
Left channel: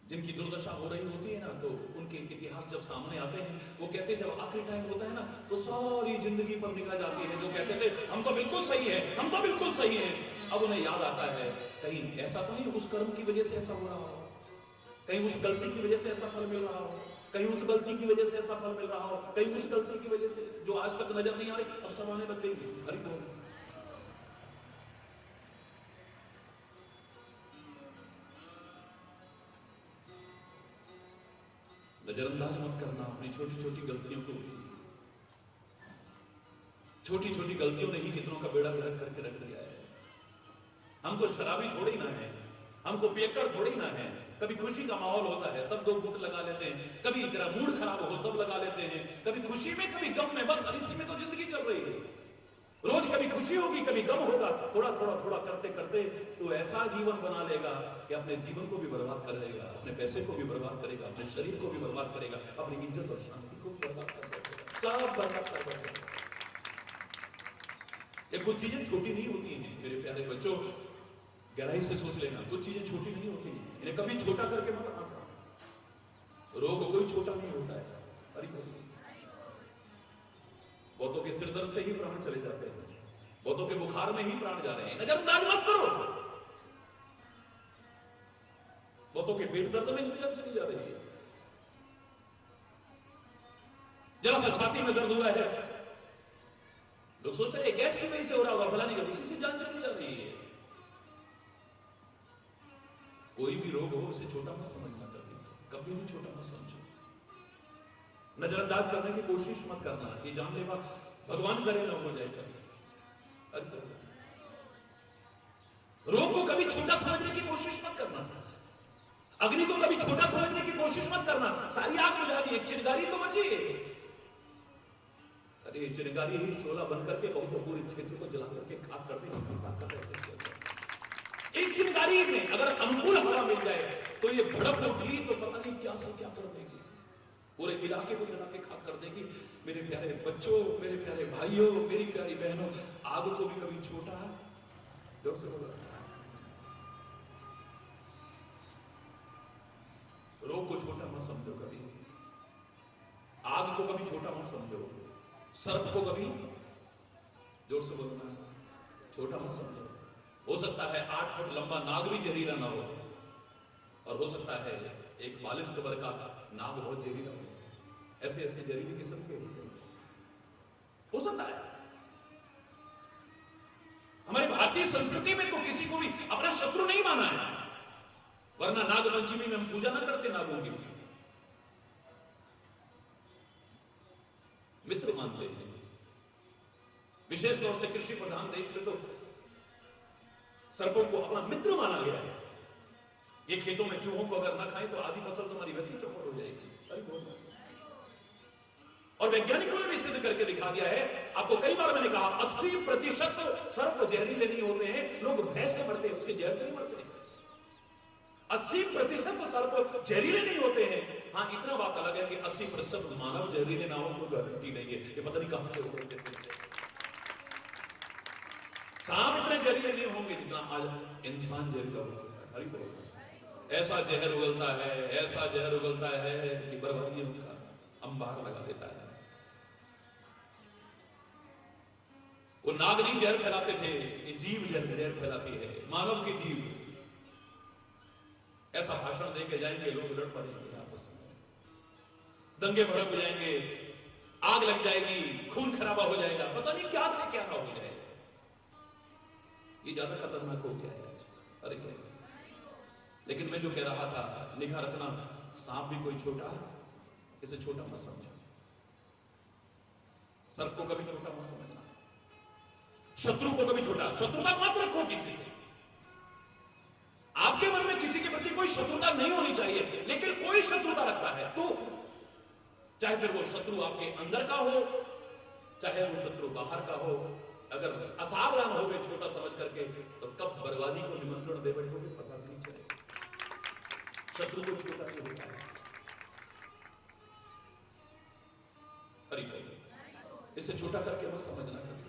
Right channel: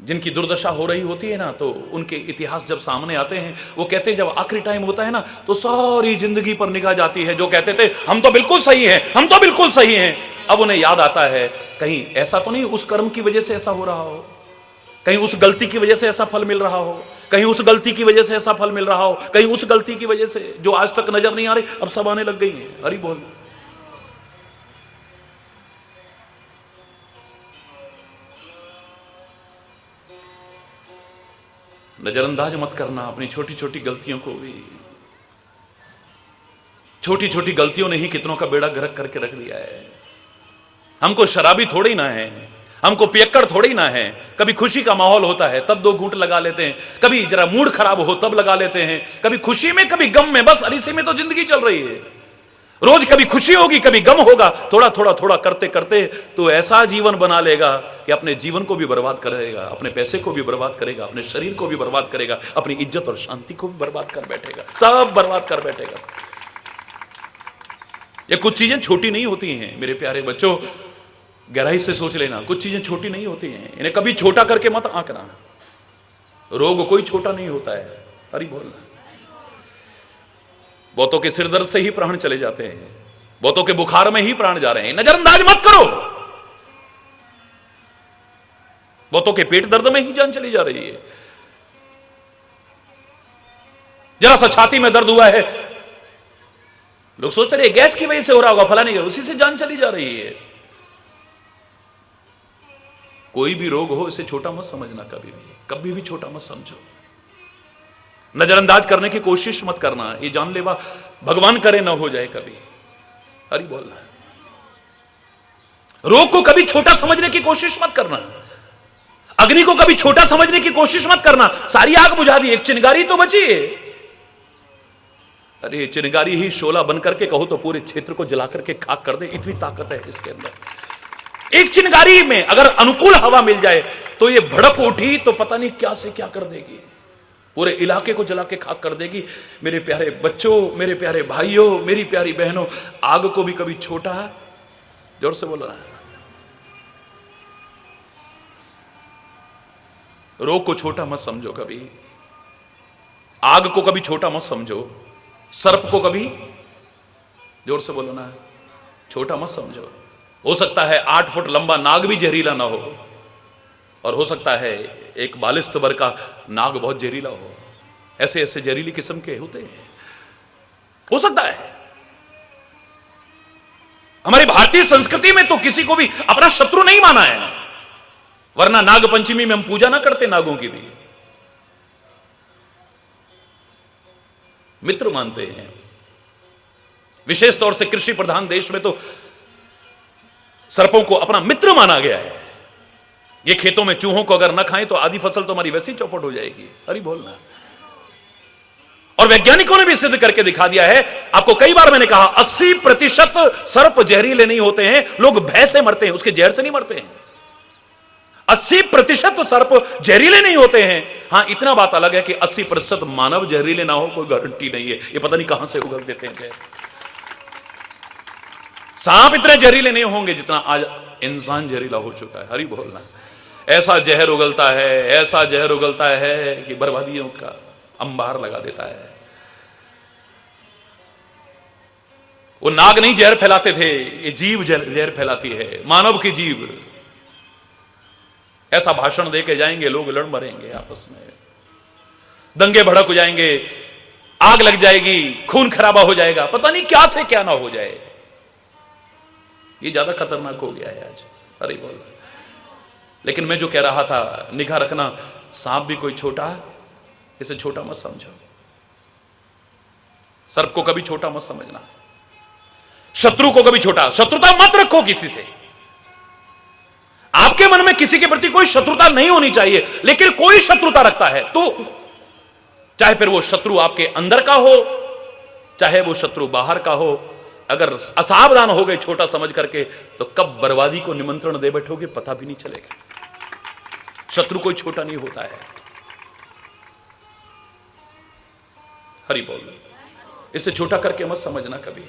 जिनकी दुर्दशा हो रही होती है ना, तो उनके इतिहास जब सामने आते हैं, वो कहते हैं जब आखिरी टाइम होता है ना, तो सारी जिंदगी पर निगाह जाती है। जो कहते थे हम तो बिल्कुल सही हैं, हम तो बिल्कुल सही हैं, अब उन्हें याद आता है कहीं ऐसा तो नहीं उस कर्म की वजह से ऐसा हो रहा हो, कहीं उस गलती की वजह से ऐसा फल मिल रहा हो, कहीं उस गलती की वजह से ऐसा फल मिल रहा हो, कहीं उस गलती की वजह से जो आज तक नजर नहीं आ रही अब सब आने लग गई है। हरि बोल। नजरअंदाज मत करना अपनी छोटी छोटी गलतियों को भी। छोटी छोटी गलतियों ने ही कितनों का बेड़ा गर्क करके रख दिया है। हमको शराबी थोड़ी ना है, हमको पियक्कड़ थोड़ी ना है। कभी खुशी का माहौल होता है तब 2 घूंट लगा लेते हैं, कभी जरा मूड खराब हो तब लगा लेते हैं, कभी खुशी में कभी गम में, बस इसी में तो जिंदगी चल रही है। रोज कभी खुशी होगी कभी गम होगा, थोड़ा थोड़ा थोड़ा करते करते तो ऐसा जीवन बना लेगा कि अपने जीवन को भी बर्बाद करेगा, अपने पैसे को भी बर्बाद करेगा, अपने शरीर को भी बर्बाद करेगा, अपनी इज्जत और शांति को भी बर्बाद कर बैठेगा, सब बर्बाद कर बैठेगा। ये कुछ चीजें छोटी नहीं होती हैं मेरे प्यारे बच्चों, गहराई से सोच लेना, कुछ चीजें छोटी नहीं होती हैं, इन्हें कभी छोटा करके मत आंकना। रोग कोई छोटा नहीं होता है। हरि बोल। बहुतों के सिर दर्द से ही प्राण चले जाते हैं, बहुतों के बुखार में ही प्राण जा रहे हैं, नजरअंदाज मत करो। बहुतों के पेट दर्द में ही जान चली जा रही है। जरा सा छाती में दर्द हुआ है, लोग सोचते रहे गैस की वजह से हो रहा होगा, फलाने की, उसी से जान चली जा रही है। कोई भी रोग हो इसे छोटा मत समझना, कभी भी छोटा मत समझो। नजरअंदाज करने की कोशिश मत करना, ये जानलेवा भगवान करे ना हो जाए कभी। हरि बोल। रोग को कभी छोटा समझने की कोशिश मत करना, अग्नि को कभी छोटा समझने की कोशिश मत करना। सारी आग बुझा दी, एक चिंगारी तो बची है। अरे चिंगारी ही शोला बन करके कहो तो पूरे क्षेत्र को जला करके खाक कर दे, इतनी ताकत है इसके अंदर। एक चिंगारी में अगर अनुकूल हवा मिल जाए तो ये भड़क उठी तो पता नहीं क्या से क्या कर देगी, पूरे इलाके को जला के खाक कर देगी। मेरे प्यारे बच्चों, मेरे प्यारे भाइयों, मेरी प्यारी बहनों, आग को भी कभी छोटा, जोर से बोला, रोग को छोटा मत समझो कभी, आग को कभी छोटा मत समझो, सर्प को कभी, जोर से बोलो ना, छोटा मत समझो। हो सकता है 8 फुट लंबा नाग भी जहरीला ना हो, और हो सकता है एक बालिस्त भर का नाग बहुत जहरीला हो। ऐसे ऐसे जहरीली किस्म के होते हैं, हो सकता है। हमारी भारतीय संस्कृति में तो किसी को भी अपना शत्रु नहीं माना है, वरना नाग पंचमी में हम पूजा ना करते नागों की भी, मित्र मानते हैं। विशेष तौर से कृषि प्रधान देश में तो सर्पों को अपना मित्र माना गया है। ये खेतों में चूहों को अगर न खाएं तो आधी फसल तो हमारी वैसे ही चौपट हो जाएगी। हरि बोलना। और वैज्ञानिकों ने भी सिद्ध करके दिखा दिया है, आपको कई बार मैंने कहा 80% सर्प जहरीले नहीं होते हैं, लोग भय से मरते हैं, उसके जहर से नहीं मरते हैं। 80% सर्प जहरीले नहीं होते हैं। हां इतना बात अलग है कि 80% मानव जहरीले ना हो, कोई गारंटी नहीं है। ये पता नहीं कहां से उगल देते हैं। सांप इतने जहरीले नहीं होंगे जितना आज इंसान जहरीला हो चुका है। हरि बोलना। ऐसा जहर उगलता है, ऐसा जहर उगलता है कि बर्बादियों का अंबार लगा देता है। वो नाग नहीं जहर फैलाते थे, ये जीव जहर फैलाती है, मानव की जीव। ऐसा भाषण देके जाएंगे लोग, लड़ मरेंगे आपस में, दंगे भड़क हो जाएंगे, आग लग जाएगी, खून खराबा हो जाएगा, पता नहीं क्या से क्या ना हो जाए। ये ज्यादा खतरनाक हो गया है आज। अरे बोल। लेकिन मैं जो कह रहा था, निगाह रखना, सांप भी कोई छोटा, इसे छोटा मत समझो। सर्प को कभी छोटा मत समझना, शत्रु को कभी छोटा, शत्रुता मत रखो किसी से। आपके मन में किसी के प्रति कोई शत्रुता नहीं होनी चाहिए, लेकिन कोई शत्रुता रखता है तो चाहे फिर वो शत्रु आपके अंदर का हो, चाहे वो शत्रु बाहर का हो, अगर असावधान हो गए छोटा समझ करके तो कब बर्बादी को निमंत्रण दे बैठोगे पता भी नहीं चलेगा। शत्रु कोई छोटा नहीं होता है। हरि बोल। इसे छोटा करके मत समझना कभी।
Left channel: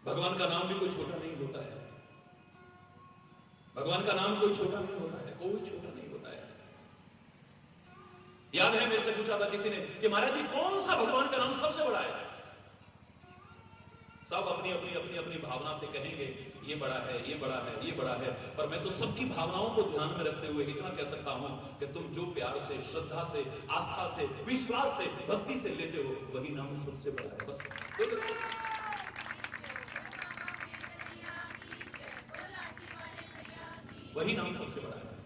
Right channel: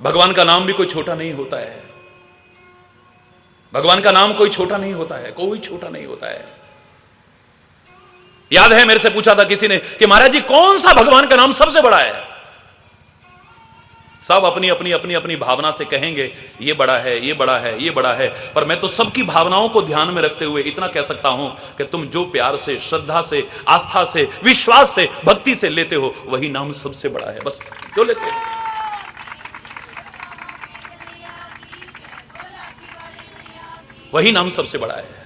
भगवान का नाम भी कोई छोटा नहीं होता है। भगवान का नाम कोई छोटा नहीं होता है, कोई छोटा नहीं होता है। याद है मेरे से पूछा था किसी ने कि महाराज जी कौन सा भगवान का नाम सबसे बड़ा है? सब अपनी अपनी अपनी अपनी भावना से कहेंगे ये बड़ा है, ये बड़ा है, ये बड़ा है, पर मैं तो सबकी भावनाओं को ध्यान में रखते हुए इतना कह सकता हूं कि तुम जो प्यार से, श्रद्धा से, आस्था से, विश्वास से, भक्ति से लेते हो वही नाम सबसे बड़ा है। बस जो लेते हो वही नाम सबसे बड़ा है।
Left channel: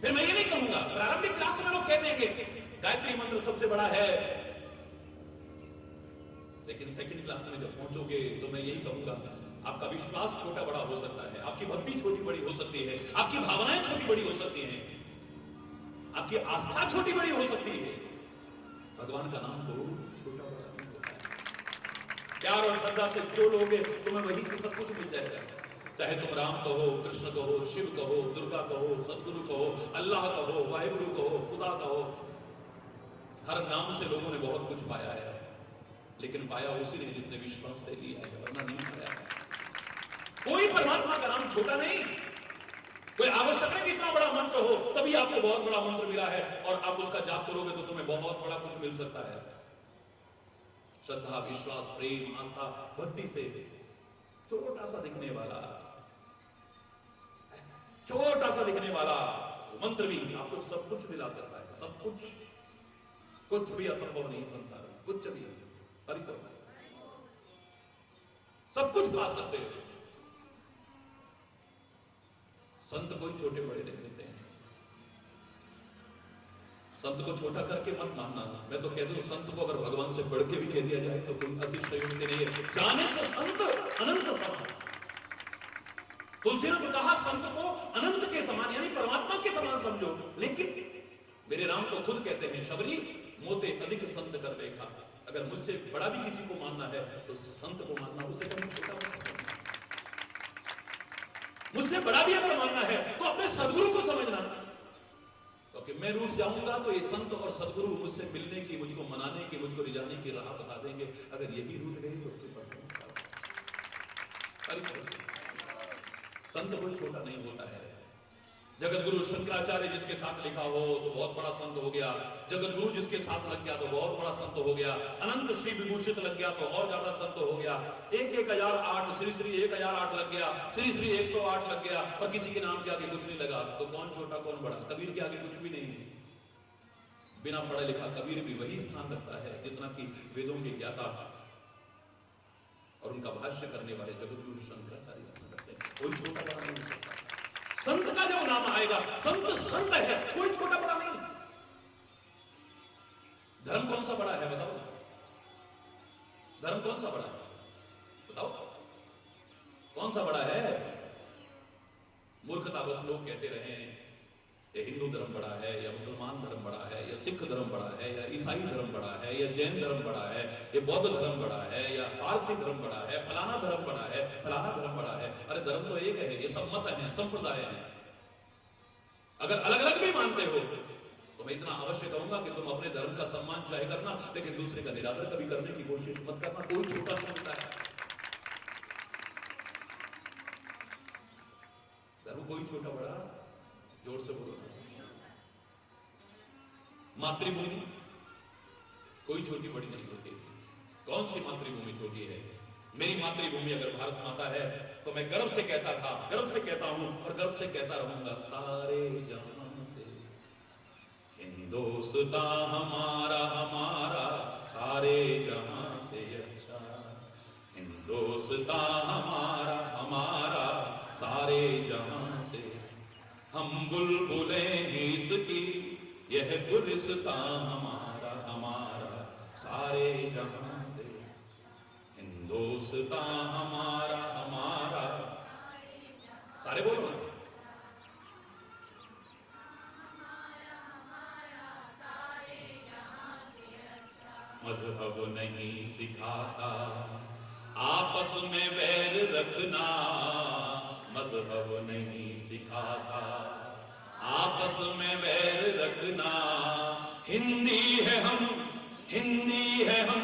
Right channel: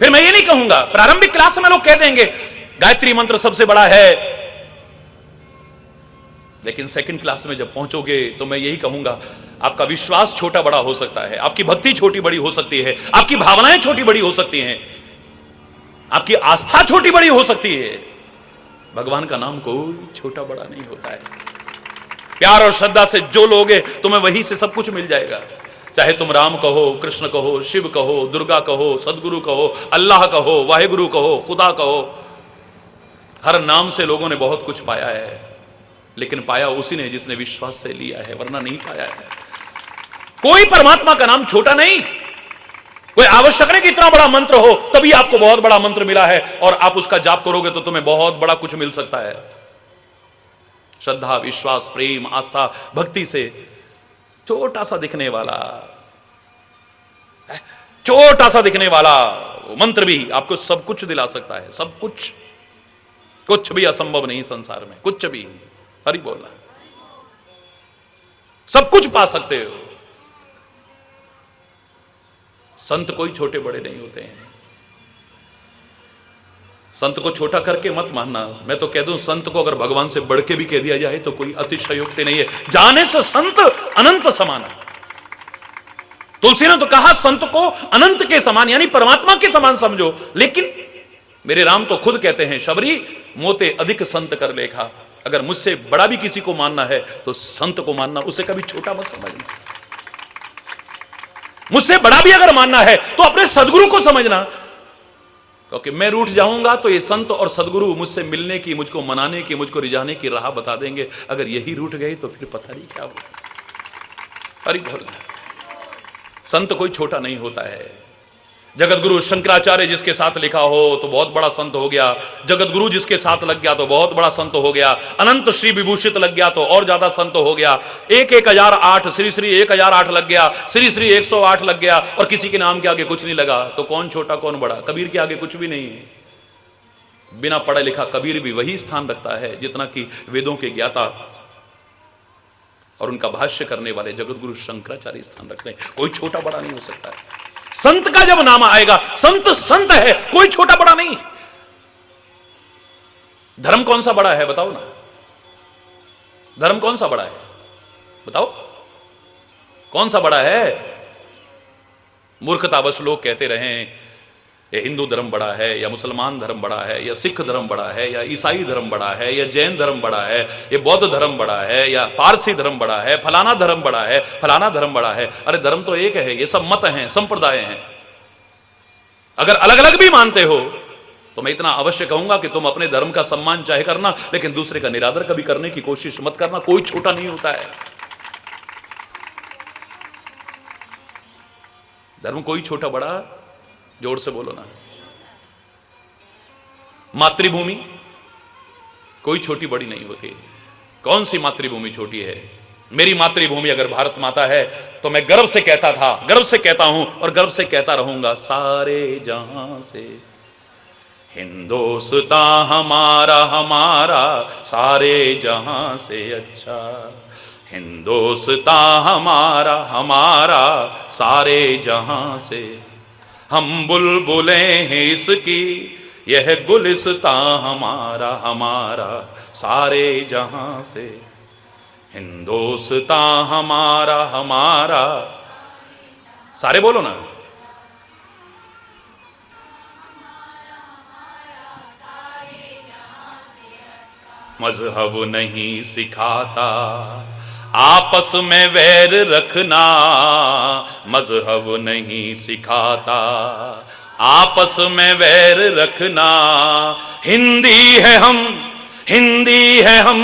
फिर मैं ये नहीं कहूंगा, प्रारंभिक क्लास में लोग कह देंगे गायत्री मंत्र सबसे बड़ा है, लेकिन सेकंड क्लास में जब पहुंचोगे तो मैं यही कहूंगा आपका विश्वास छोटा बड़ा हो सकता है, आपकी भक्ति छोटी बड़ी हो सकती है, आपकी भावनाएं छोटी बड़ी हो सकती हैं, आपकी आस्था छोटी बड़ी हो सकती है, भगवान का नाम कोई छोटा बड़ा नहीं होता है। प्यार और श्रद्धा से जो लोगे तुम्हें वहीं से सब कुछ मिल जाएगा। चाहे तुम राम कहो, कृष्ण कहो, शिव कहो, दुर्गा कहो, सदगुरु कहो, अल्लाह कहो, वाहेगुरु कहो, खुदा कहो, हर नाम से लोगों ने बहुत कुछ पाया है, लेकिन पाया उसी ने जिसने विश्वास से लिया है, वरना नहीं पाया है। कोई परमात्मा का नाम छोटा नहीं। कोई आवश्यक नहीं कि इतना बड़ा मंत्र हो तभी आपको बहुत बड़ा मंत्र मिला है और आप उसका जाप करोगे तो तुम्हें बहुत बड़ा कुछ मिल सकता है। श्रद्धा, विश्वास, प्रेम, आस्था, भक्ति से छोटा सा दिखने वाला वो मंत्र भी आपको सब कुछ दिला सकता है। सब कुछ, कुछ भी असंभव नहीं संसार में, कुछ भी। हरि बोलना, सब कुछ पा सकते हो। संत कोई छोटे बड़े नहीं होते हैं। संत को छोटा करके मत मानना। मैं तो कह दूं, संत को अगर भगवान से बढ़ के भी कह दिया जाए तो कोई अतिशयोक्ति नहीं है। जाने से संत अनंत समान है। तुलसी ने तो कहा संत को अनंत के समान यानी परमात्मा के समान समझो, लेकिन मेरे राम तो खुद कहते हैं, शबरी मोते अधिक संत कर लेखा। अगर मुझसे बड़ा भी किसी को मानना है तो संत को मानना, उसे कभी छोटा मत समझना। मुझसे बड़ा भी अगर मानना है तो अपने सदगुरु को समझना, क्योंकि मैं रूठ जाऊंगा तो ये संत और सदगुरु मुझसे मिलने की, मुझको मनाने की, मुझको रिझाने की राह बता देंगे। अगर यही रूठ गए तो फिर पता नहीं क्या होगा। हरि बोल। संत कोई छोटा नहीं होता है। जगत गुरु शंकराचार्य जिसके साथ लिखा हो तो बहुत बड़ा संत हो गया। जगत गुरु जिसके साथ लग गया तो बहुत बड़ा संत हो गया। अनंत श्री विभूषित लग गया तो और ज्यादा संत हो गया। 1008 श्री श्री 1008 लग गया, श्री श्री 108 लग गया और किसी के नाम के आगे कुछ नहीं लगा तो कौन छोटा कौन बड़ा। कबीर के आगे कुछ भी नहीं है। बिना पढ़ा लिखा कबीर भी वही स्थान रखता है जितना कि वेदों के ज्ञाता और उनका भाष्य करने वाले जगत गुरु शंकराचार्य स्थान रखते हैं। कोई छोटा बड़ा नहीं हो सकता है। संत का जब नाम आएगा, संत संत है, कोई छोटा बड़ा नहीं। धर्म कौन सा बड़ा है बताओ ना। धर्म कौन सा बड़ा है बताओ, कौन सा बड़ा है। मूर्खतावश लोग कहते रहे ये हिंदू धर्म बड़ा है या मुसलमान धर्म बड़ा है या सिख धर्म बड़ा है या ईसाई धर्म बड़ा है या जैन धर्म बड़ा है, ये बौद्ध धर्म बड़ा है या पारसी धर्म बड़ा है, फलाना धर्म बड़ा है, फलाना धर्म बड़ा है। अरे धर्म तो एक है, ये सब मत हैं, संप्रदाय हैं। अगर अलग अलग भी मानते हो तो मैं इतना अवश्य कहूंगा कि तुम अपने धर्म का सम्मान चाहे करना, लेकिन दूसरे का निरादर कभी करने की कोशिश मत करना। कोई छोटा नहीं होता है। धर्म कोई छोटा बड़ा, जोर से बोलो ना। मातृभूमि कोई छोटी बड़ी नहीं होती। कौन सी मातृभूमि छोटी है। मेरी मातृभूमि अगर भारत माता है तो मैं गर्व से कहता था, गर्व से कहता हूं और गर्व से कहता रहूंगा, सारे जहां से हिंदुस्तान हमारा हमारा सारे जहां से अच्छा। हिंदुस्तान हमारा हमारा सारे जहां से। हम बुलबुलें हैं इसकी, यह गुलिस्तां हमारा हमारा सारे जहां से। हिंदुस्तान हमारा हमारा, सारे बोलो ना। मजहब नहीं सिखाता आपस में वैर रखना, मजहब नहीं सिखाता आपस में वैर रखना। हिंदी है हम, हिंदी है हम,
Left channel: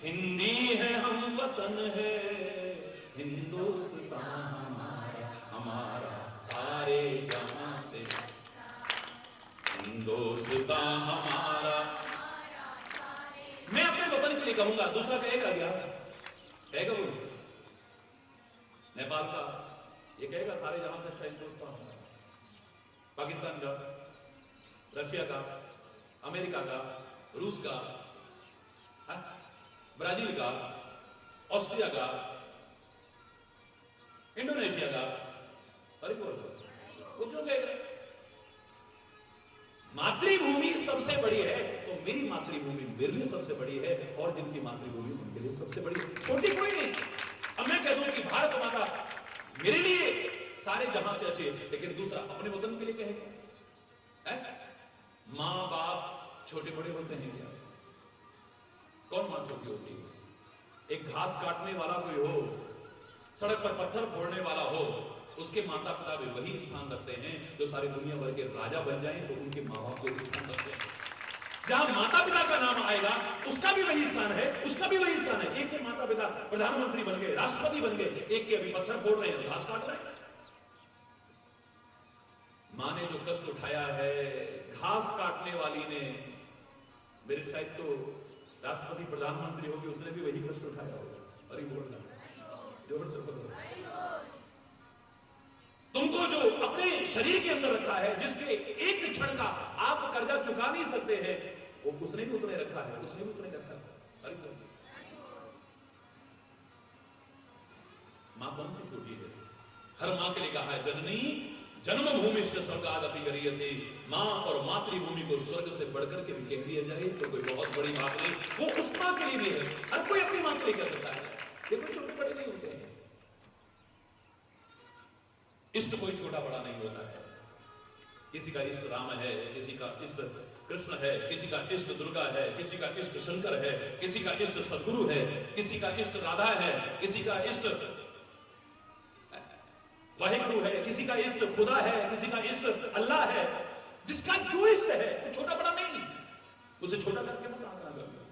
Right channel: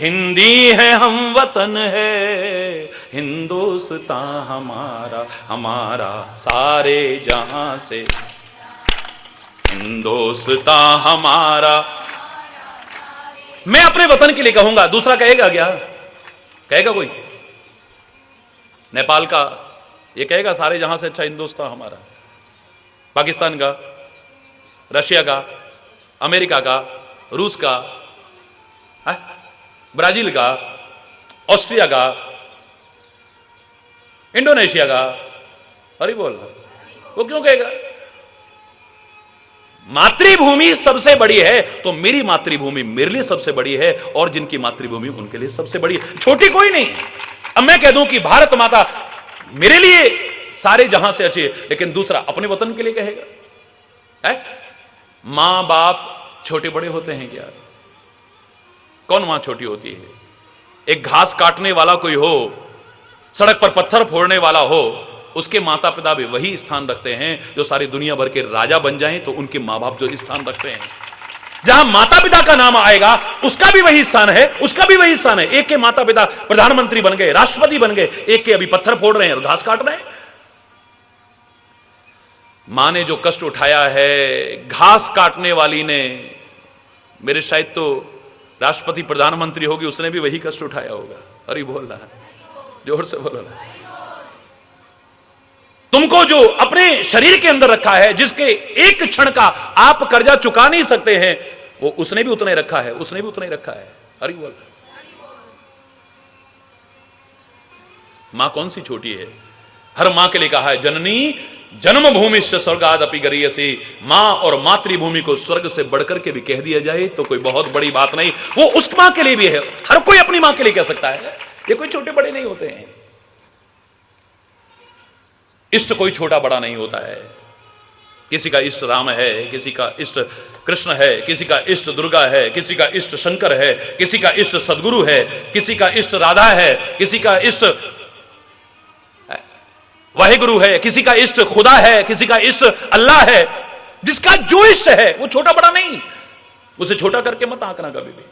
हिंदी है हम, वतन है हिंदुस्तान हमारा हमारा सारे जहां से। हिंदुस्तान हमारा, मैं अपने वतन के लिए कहूंगा, दूसरा कहेगा क्या? कहेगा कोई? नेपाल का ये कहेगा सारे जहां से अच्छा हिंदुस्तान हमारा, पाकिस्तान का, रशिया का, अमेरिका का, रूस का, ब्राजील का, ऑस्ट्रिया का, इंडोनेशिया का, अरे बोल, वो क्यों कहेगा? मातृभूमि सबसे बड़ी है, तो मेरी मातृभूमि मेरे लिए सबसे बड़ी है, और जिनकी मातृभूमि उनके लिए सबसे बड़ी है, छोटी कोई नहीं। अब मैं कह दूं कि भारत माता मेरे लिए सारे जहां से अच्छी है, लेकिन दूसरा अपने वतन के लिए कहेगा, है? मां बाप छोटे बड़े होते हैं क्या? कौन मां छोटी होती है? एक घास काटने वाला कोई हो, सड़क पर पत्थर फोड़ने वाला हो, उसके माता पिता भी वही स्थान रखते हैं। जो सारी दुनिया भर के राजा बन जाएं तो उनके मां बाप जो स्थान रखते हैं, जहां माता पिता का नाम आएगा उसका भी वही स्थान है, उसका भी वही स्थान है। एक के माता पिता प्रधानमंत्री बन गए, राष्ट्रपति बन गए, एक के अभी पत्थर फोड़ रहे हैं और घास काट रहे हैं। मां ने जो कष्ट उठाया है, घास काटने वाली ने, मेरे शायद तो राष्ट्रपति प्रधानमंत्री होगी, उसने भी वही कष्ट उठाया होगा। अरे बोल रहा है, जोर से बोलो ना। तुमको जो अपने शरीर के अंदर रखा है, जिसके एक क्षण का आप कर्जा चुका नहीं सकते हैं, वो उसने भी उतना ही रखा है, उसने भी उतना ही रखा है। अरे बोल, मां कौन सी छोटी है? हर मां के लिए कहा है, जननी जन्मभूमिश्च स्वर्गादपि गरीयसी। मां और मातृभूमि को स्वर्ग से बढ़कर के भी कह दिया जाए तो कोई बहुत बड़ी बात नहीं। वो उस मां के लिए भी है, हर कोई अपनी मां के लिए कह सकता है। ये कोई छोटे बड़े नहीं होते हैं। इष्ट कोई छोटा बड़ा नहीं होता है। किसी का इष्ट राम है, किसी का इष्ट कृष्ण है, किसी का इष्ट दुर्गा है, किसी का इष्ट शंकर है, किसी का इष्ट सदगुरु है, किसी का इष्ट राधा है, किसी का इष्ट वाहिगुरु है, किसी का इष्ट खुदा है, किसी का इष्ट अल्लाह है। जिसका जो इष्ट है वो छोटा बड़ा नहीं, उसे छोटा करके मत आंकना कभी भी।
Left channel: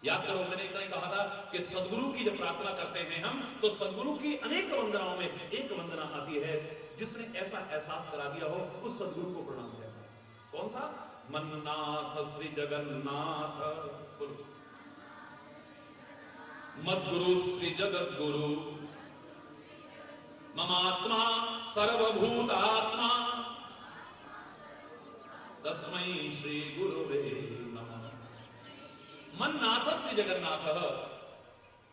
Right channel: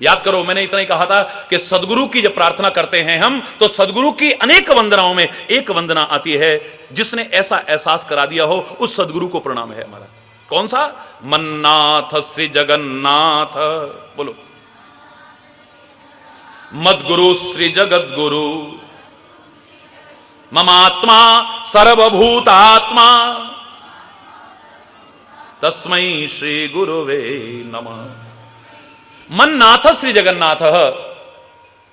याद करो, मैंने इतना ही कहा था कि सदगुरु की जब प्रार्थना करते हैं हम, तो सदगुरु की अनेक वंदनाओं में एक वंदना आती है जिसने ऐसा एहसास करा दिया हो, उस सदगुरु को प्रणाम है हमारा। कौन सा? मन्नाथ श्री जगन्नाथ, बोलो। मद्गुरु श्री जगत गुरु, ममात्मा सर्वभूतात्मा, तस्मै श्री गुरुवे नमः। मन्नाथ श्री जगन्नाथ,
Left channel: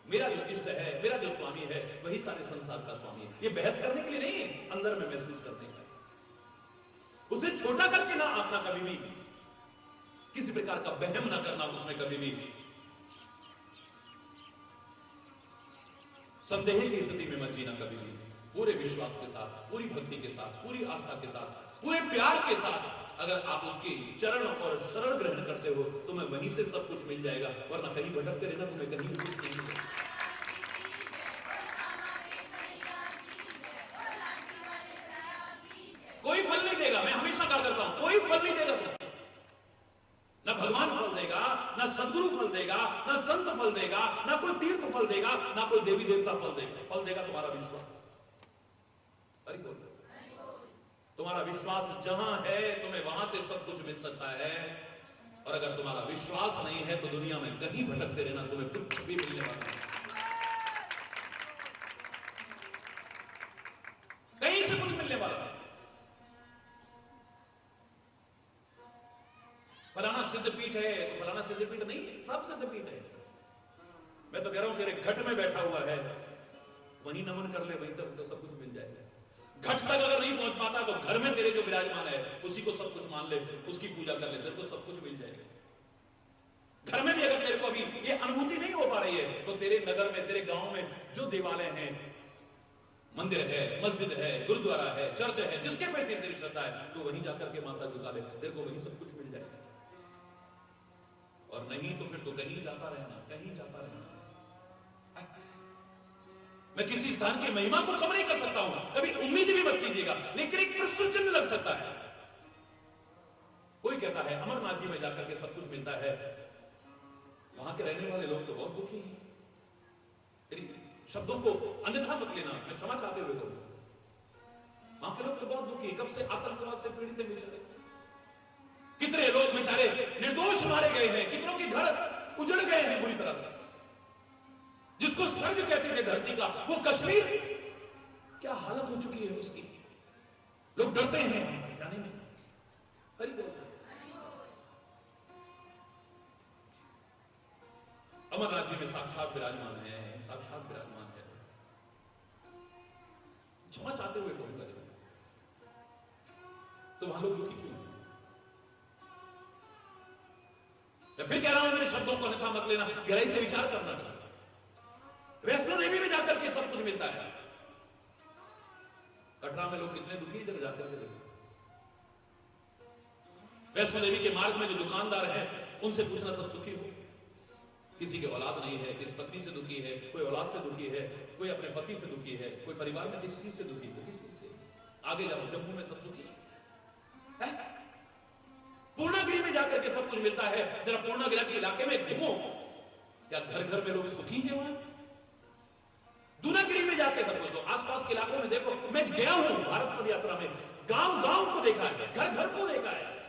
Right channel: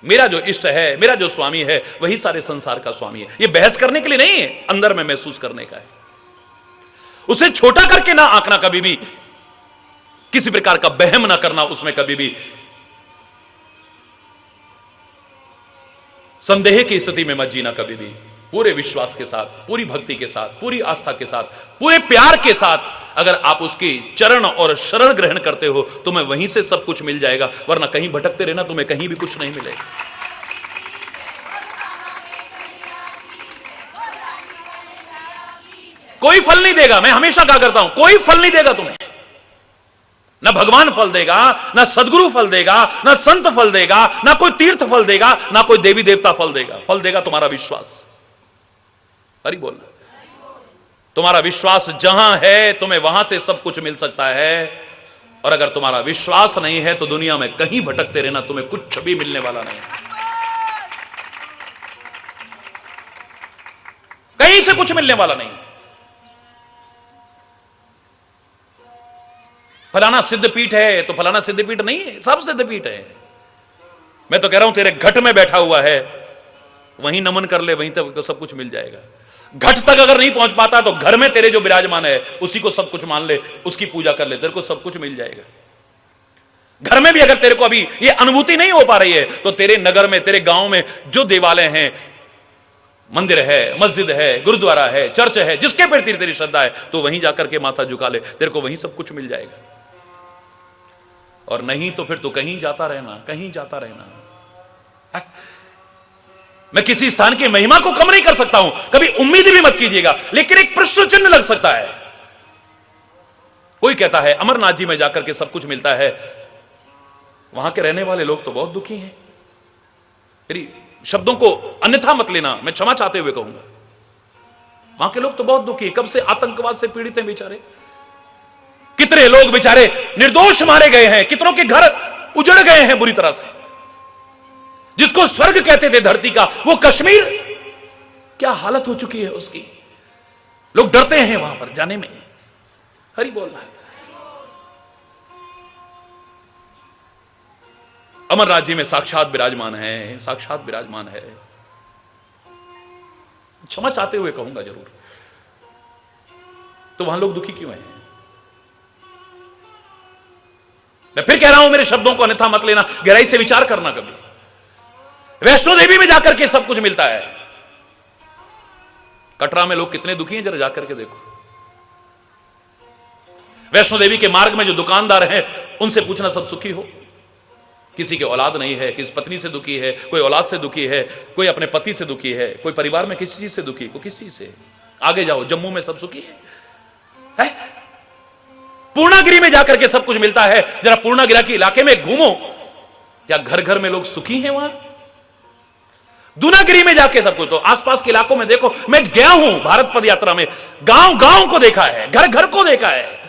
मेरा जो इष्ट है, मेरा जो स्वामी है, वही सारे संसार का स्वामी है। ये बहस करने के लिए नहीं है, अंदर में महसूस करने का है। उसे छोटा करके ना आंकना कभी भी, किसी प्रकार का बहम ना करना उसमें कभी भी। संदेह की स्थिति में मत जीना कभी भी। पूरे विश्वास के साथ, पूरी भक्ति के साथ, पूरी आस्था के साथ, पूरे प्यार के साथ अगर आप उसकी चरण और शरण ग्रहण करते हो, तुम्हें वहीं से सब कुछ मिल जाएगा। वरना कहीं भटकते रहना, तुम्हें कहीं भी कुछ नहीं मिलेगा। कोई फल नहीं देगा। मैं हमेशा कहा करता हूं, कोई फल नहीं देगा तुम्हें। ना भगवान फल देगा, ना सदगुरु फल देगा, ना संत फल देगा, ना कोई तीर्थ फल देगा, ना कोई देवी देवता फल देगा। फल देगा तुम्हारा विश्वास। अरे बोलना, तुम्हारा विश्वास जहां है, तुम्हें वहां से सब कुछ मिल सकता है। और अगर तुम्हारा विश्वास नहीं है तो दुनिया में कहीं भटकते रहना, तुम्हें कुछ भी मिलने वाला नहीं। कहीं से कुछ मिलने वाला नहीं। फलाना सिद्धपीठ है तो फलाना सिद्धपीठ नहीं है, सब सिद्धपीठ है। मैं तो कह रहा हूं तेरे घट में बैठा हुआ है, वहीं नमन कर ले, वहीं तक तो सब कुछ मिल जाएगा। घट तक अगर नहीं पहुंच पाता तो घर में तेरे जो विराजमान है उसी को सब कुछ मान ले, उसकी पूजा कर ले, तेरे को सब कुछ मिल जाएगा। घर में भी अगर तेरे को अभी ये अनुभूति नहीं हो पा रही है तो तेरे नगर में, तेरे गांव में जो देवालय हैं, मंदिर है, मस्जिद है, गुरुद्वारा है, चर्च है, जिसके प्रति तेरी श्रद्धा है, तो वहीं जाकर के माथा झुका ले, तेरे को वहीं सब कुछ मिल जाएगा। और नहीं तो फिर तो कहीं जाता रहना, कहीं जाता रहना। मैं किसी स्थान की महिमा को कम नहीं कर सकता हूं, कभी उम्मीद भी मत कीजिएगा, लेकिन एक प्रश्न चिन्ह लग सकता है। कोई कहता है अमरनाथ जी में जाकर के सब कुछ मिलता है, वहां के रहने वाले लोग तो बहुत दुखी हैं। मेरी शब्दों को अन्यथा मत लेना, मैं क्षमा चाहते हुए कहूंगा। वहां के लोग तो बहुत दुखी, कब से आतंकवाद से पीड़ित हैं बेचारे। कितने लोग बेचारे निर्दोष मारे गए हैं, कितनों के घर उजड़ गए हैं बुरी तरह से। जिसको स्वर्ग कहते थे धरती का, वो कश्मीर क्या हालत हो चुकी है उसकी। लोग डरते हैं वहां पर जाने में। हरि बोल रहा है। अमर राज्य में साक्षात विराजमान है, साक्षात विराजमान है। क्षमा चाहते हुए कहूंगा जरूर, तो वहां लोग दुखी क्यों हैं? मैं फिर कह रहा हूं, मेरे शब्दों को अन्यथा मत लेना, गहराई से विचार करना। कभी वैष्णो देवी में जाकर के सब कुछ मिलता है, कटरा में लोग कितने दुखी हैं, जरा जाकर के देखो। वैष्णो देवी के मार्ग में जो दुकानदार हैं, उनसे पूछना सब सुखी हो? किसी के औलाद नहीं है, किसी पत्नी से दुखी है, कोई औलाद से दुखी है, कोई अपने पति से दुखी है, कोई परिवार में किसी चीज से दुखी, कोई किस चीज से। आगे जाओ, जम्मू में सब सुखी है? पूर्णागिरी में जाकर के सब कुछ मिलता है, जरा पूर्णागिरी के इलाके में घूमो, क्या घर घर में लोग सुखी हैं वहां? दूनागिरी में जाके सब कुछ, तो आसपास के इलाकों में देखो। मैं गया हूं भारत पद यात्रा में, गांव गांव को देखा है, घर घर को देखा है।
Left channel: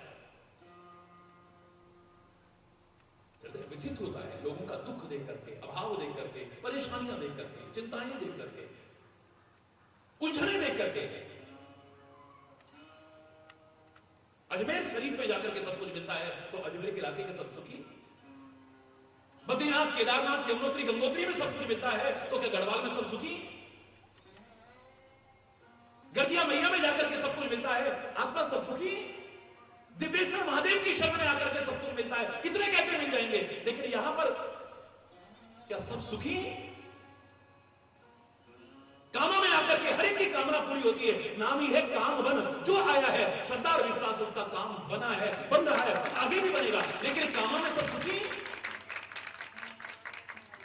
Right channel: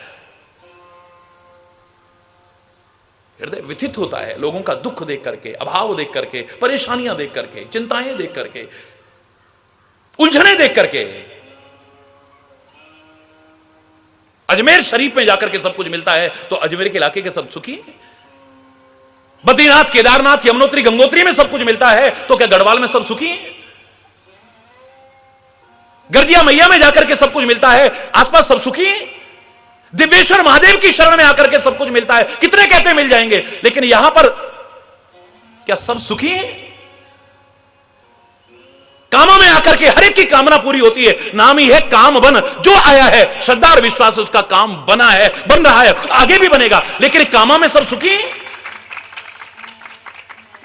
हृदय व्यथित होता है लोगों का दुख देख करके, अभाव देख करके, परेशानियां देख करके, चिंताएं देख करके, उलझने देख करके। अजमेर शरीफ में जाकर के सब कुछ मिलता है, तो अजमेर के इलाके के सब सुखी? बद्रीनाथ, केदारनाथ, यमुनोत्री, गंगोत्री में सब कुछ मिलता है, तो क्या गढ़वाल में सब सुखी हैं? गर्जिया मैया में जाकर के सब कुछ मिलता है, आसपास सब सुखी हैं? दिव्येश्वर महादेव की शरण में आकर के सब कुछ मिलता है, कितने कहते मिल जाएंगे, लेकिन यहां पर क्या सब सुखी हैं? कामों में आकर के हर एक की कामना पूरी होती है। नाम ही है काम बन। जो आया है श्रद्धा और विश्वास, उसका काम बना है, बन रहा है, आगे भी बनेगा। लेकिन कामों में सब सुखी हैं?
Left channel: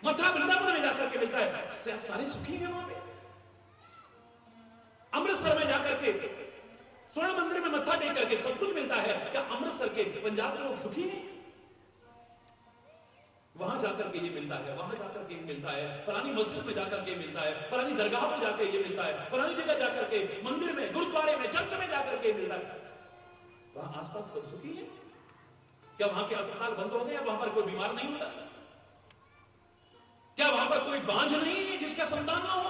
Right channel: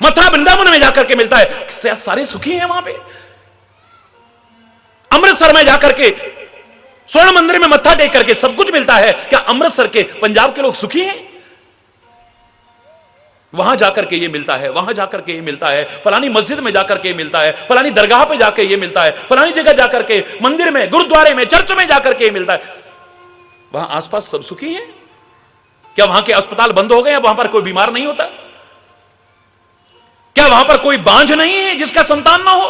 मथुरा वृंदावन में जाकर के मिलता है, सारे सुखी हैं वहां पे? अमृतसर में जाकर के स्वर्ण मंदिर में मत्था टेक करके सब कुछ मिलता है, क्या अमृतसर के, पंजाब के लोग सुखी हैं? वहां जाकर के ये मिलता है, वहां जाकर के ये मिलता है, फलानी मस्जिद में जाकर के ये मिलता है, फलानी दरगाह पे जाकर ये मिलता है, फलानी जगह जाकर के, मंदिर में, गुरुद्वारे में, चर्च में जाकर के ये मिलता है। वहां आसपास सब सुखी हैं? क्या वहां के अस्पताल बंद हो गए हैं, वहां पर कोई बीमार नहीं होता? क्या वहां पर कोई बांझ नहीं है जिसका संतान ना हो?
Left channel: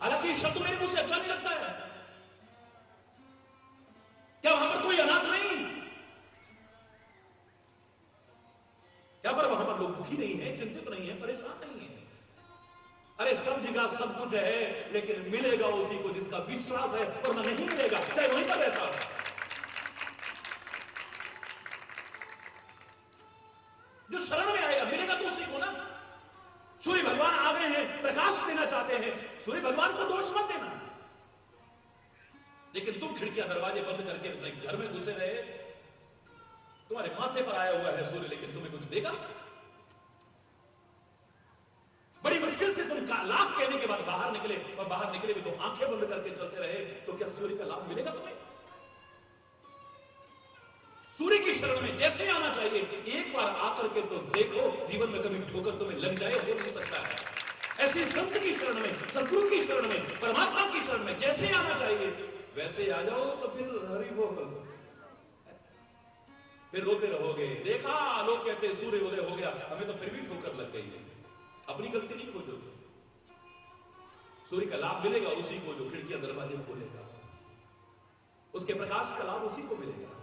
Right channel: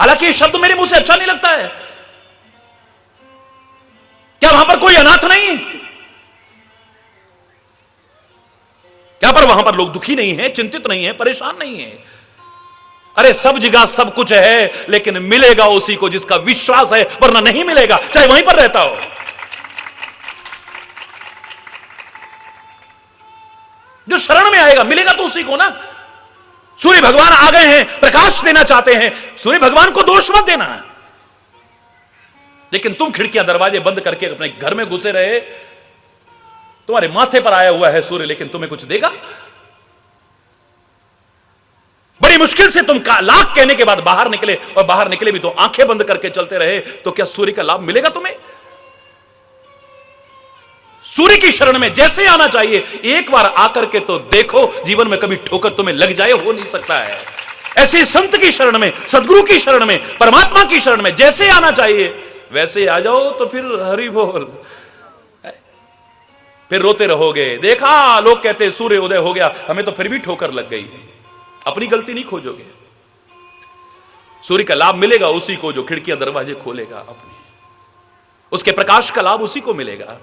हालांकि ये शब्द मेरे मुंह से अच्छा नहीं लगता है। क्या वहां पर कोई अनाथ नहीं है? क्या पर वहां पर लोग दुखी नहीं है, चिंतित नहीं है, परेशान नहीं है? अरे सब जगह सब कुछ है, लेकिन मिलेगा उसी को जिसका विश्वास है, वरना नहीं मिलेगा, चाहे वहीं पर रहता हो। जो शरण में आएगा मिलेगा तो उसी को ना। सूर्य भगवान आ गए हैं, प्रकाश देना चाहते हैं, सूर्य भगवान को दोष मत देना। लेकिन तुम खिड़कियां दरवाजे बंद करके अपने घर में घुसे रहे, तुम्हारे माथे पर आया हुआ है सूर्य, लेकिन तुम्हें कुछ देगा? बड़ी मुश्किल से तुम लाख कहने के बाद बाहर निकले, और बाहर निकले भी तो आंखें बंद करके चलते रहे, तो क्या सूर्य का लाभ मिलेगा तुम्हें? सूर्य की शरण में जैसे आना चाहिए, एक बार आकर के तो देखो, जीवन में कभी ठोकर तुम्हें लग जाए, हो नहीं सकता है। ऐसे संत की शरण में, सदगुरु की शरण में, परमात्मा की शरण में जैसे आना चाहिए वैसे आ जाओ, तो फिर हरि बोल, फिर रोते रहोगे। देखा लोग कहते सूर्य उदय हो गया, हमें तो फिर भी ठोकर लग गई। अपनी गलती नहीं खोजोगे, सूर्य का लाभ मिलेगा उसी को जो खिड़कियां दरवाजे खोलेगा अपनी, उसके प्रकाश का लाभ उसी को मिलेगा।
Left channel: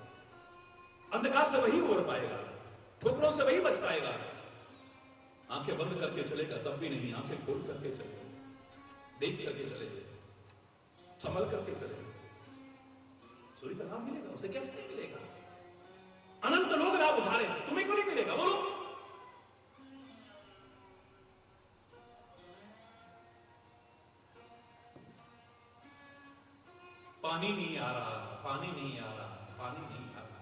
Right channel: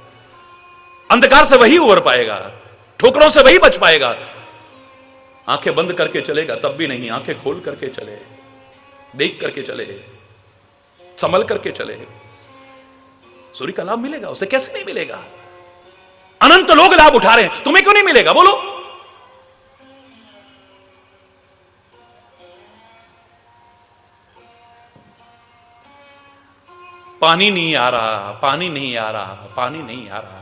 अंधकार से वही उबर पाएगा, ठोकरों से वही बच पाएगा। आंखें बंद करके चलेगा तब भी नहीं, आंखें खोल करके चले, देख करके चले, संभल करके चले, सूर्य का लाभ मिलेगा उसे। कैसे नहीं मिलेगा? अनंत लोग लाभ उठा रहे हैं, तुम्हें क्यों नहीं मिलेगा? बोलो। पानी नहीं आ रहा, पानी नहीं आ रहा, पानी नहीं आ रहा।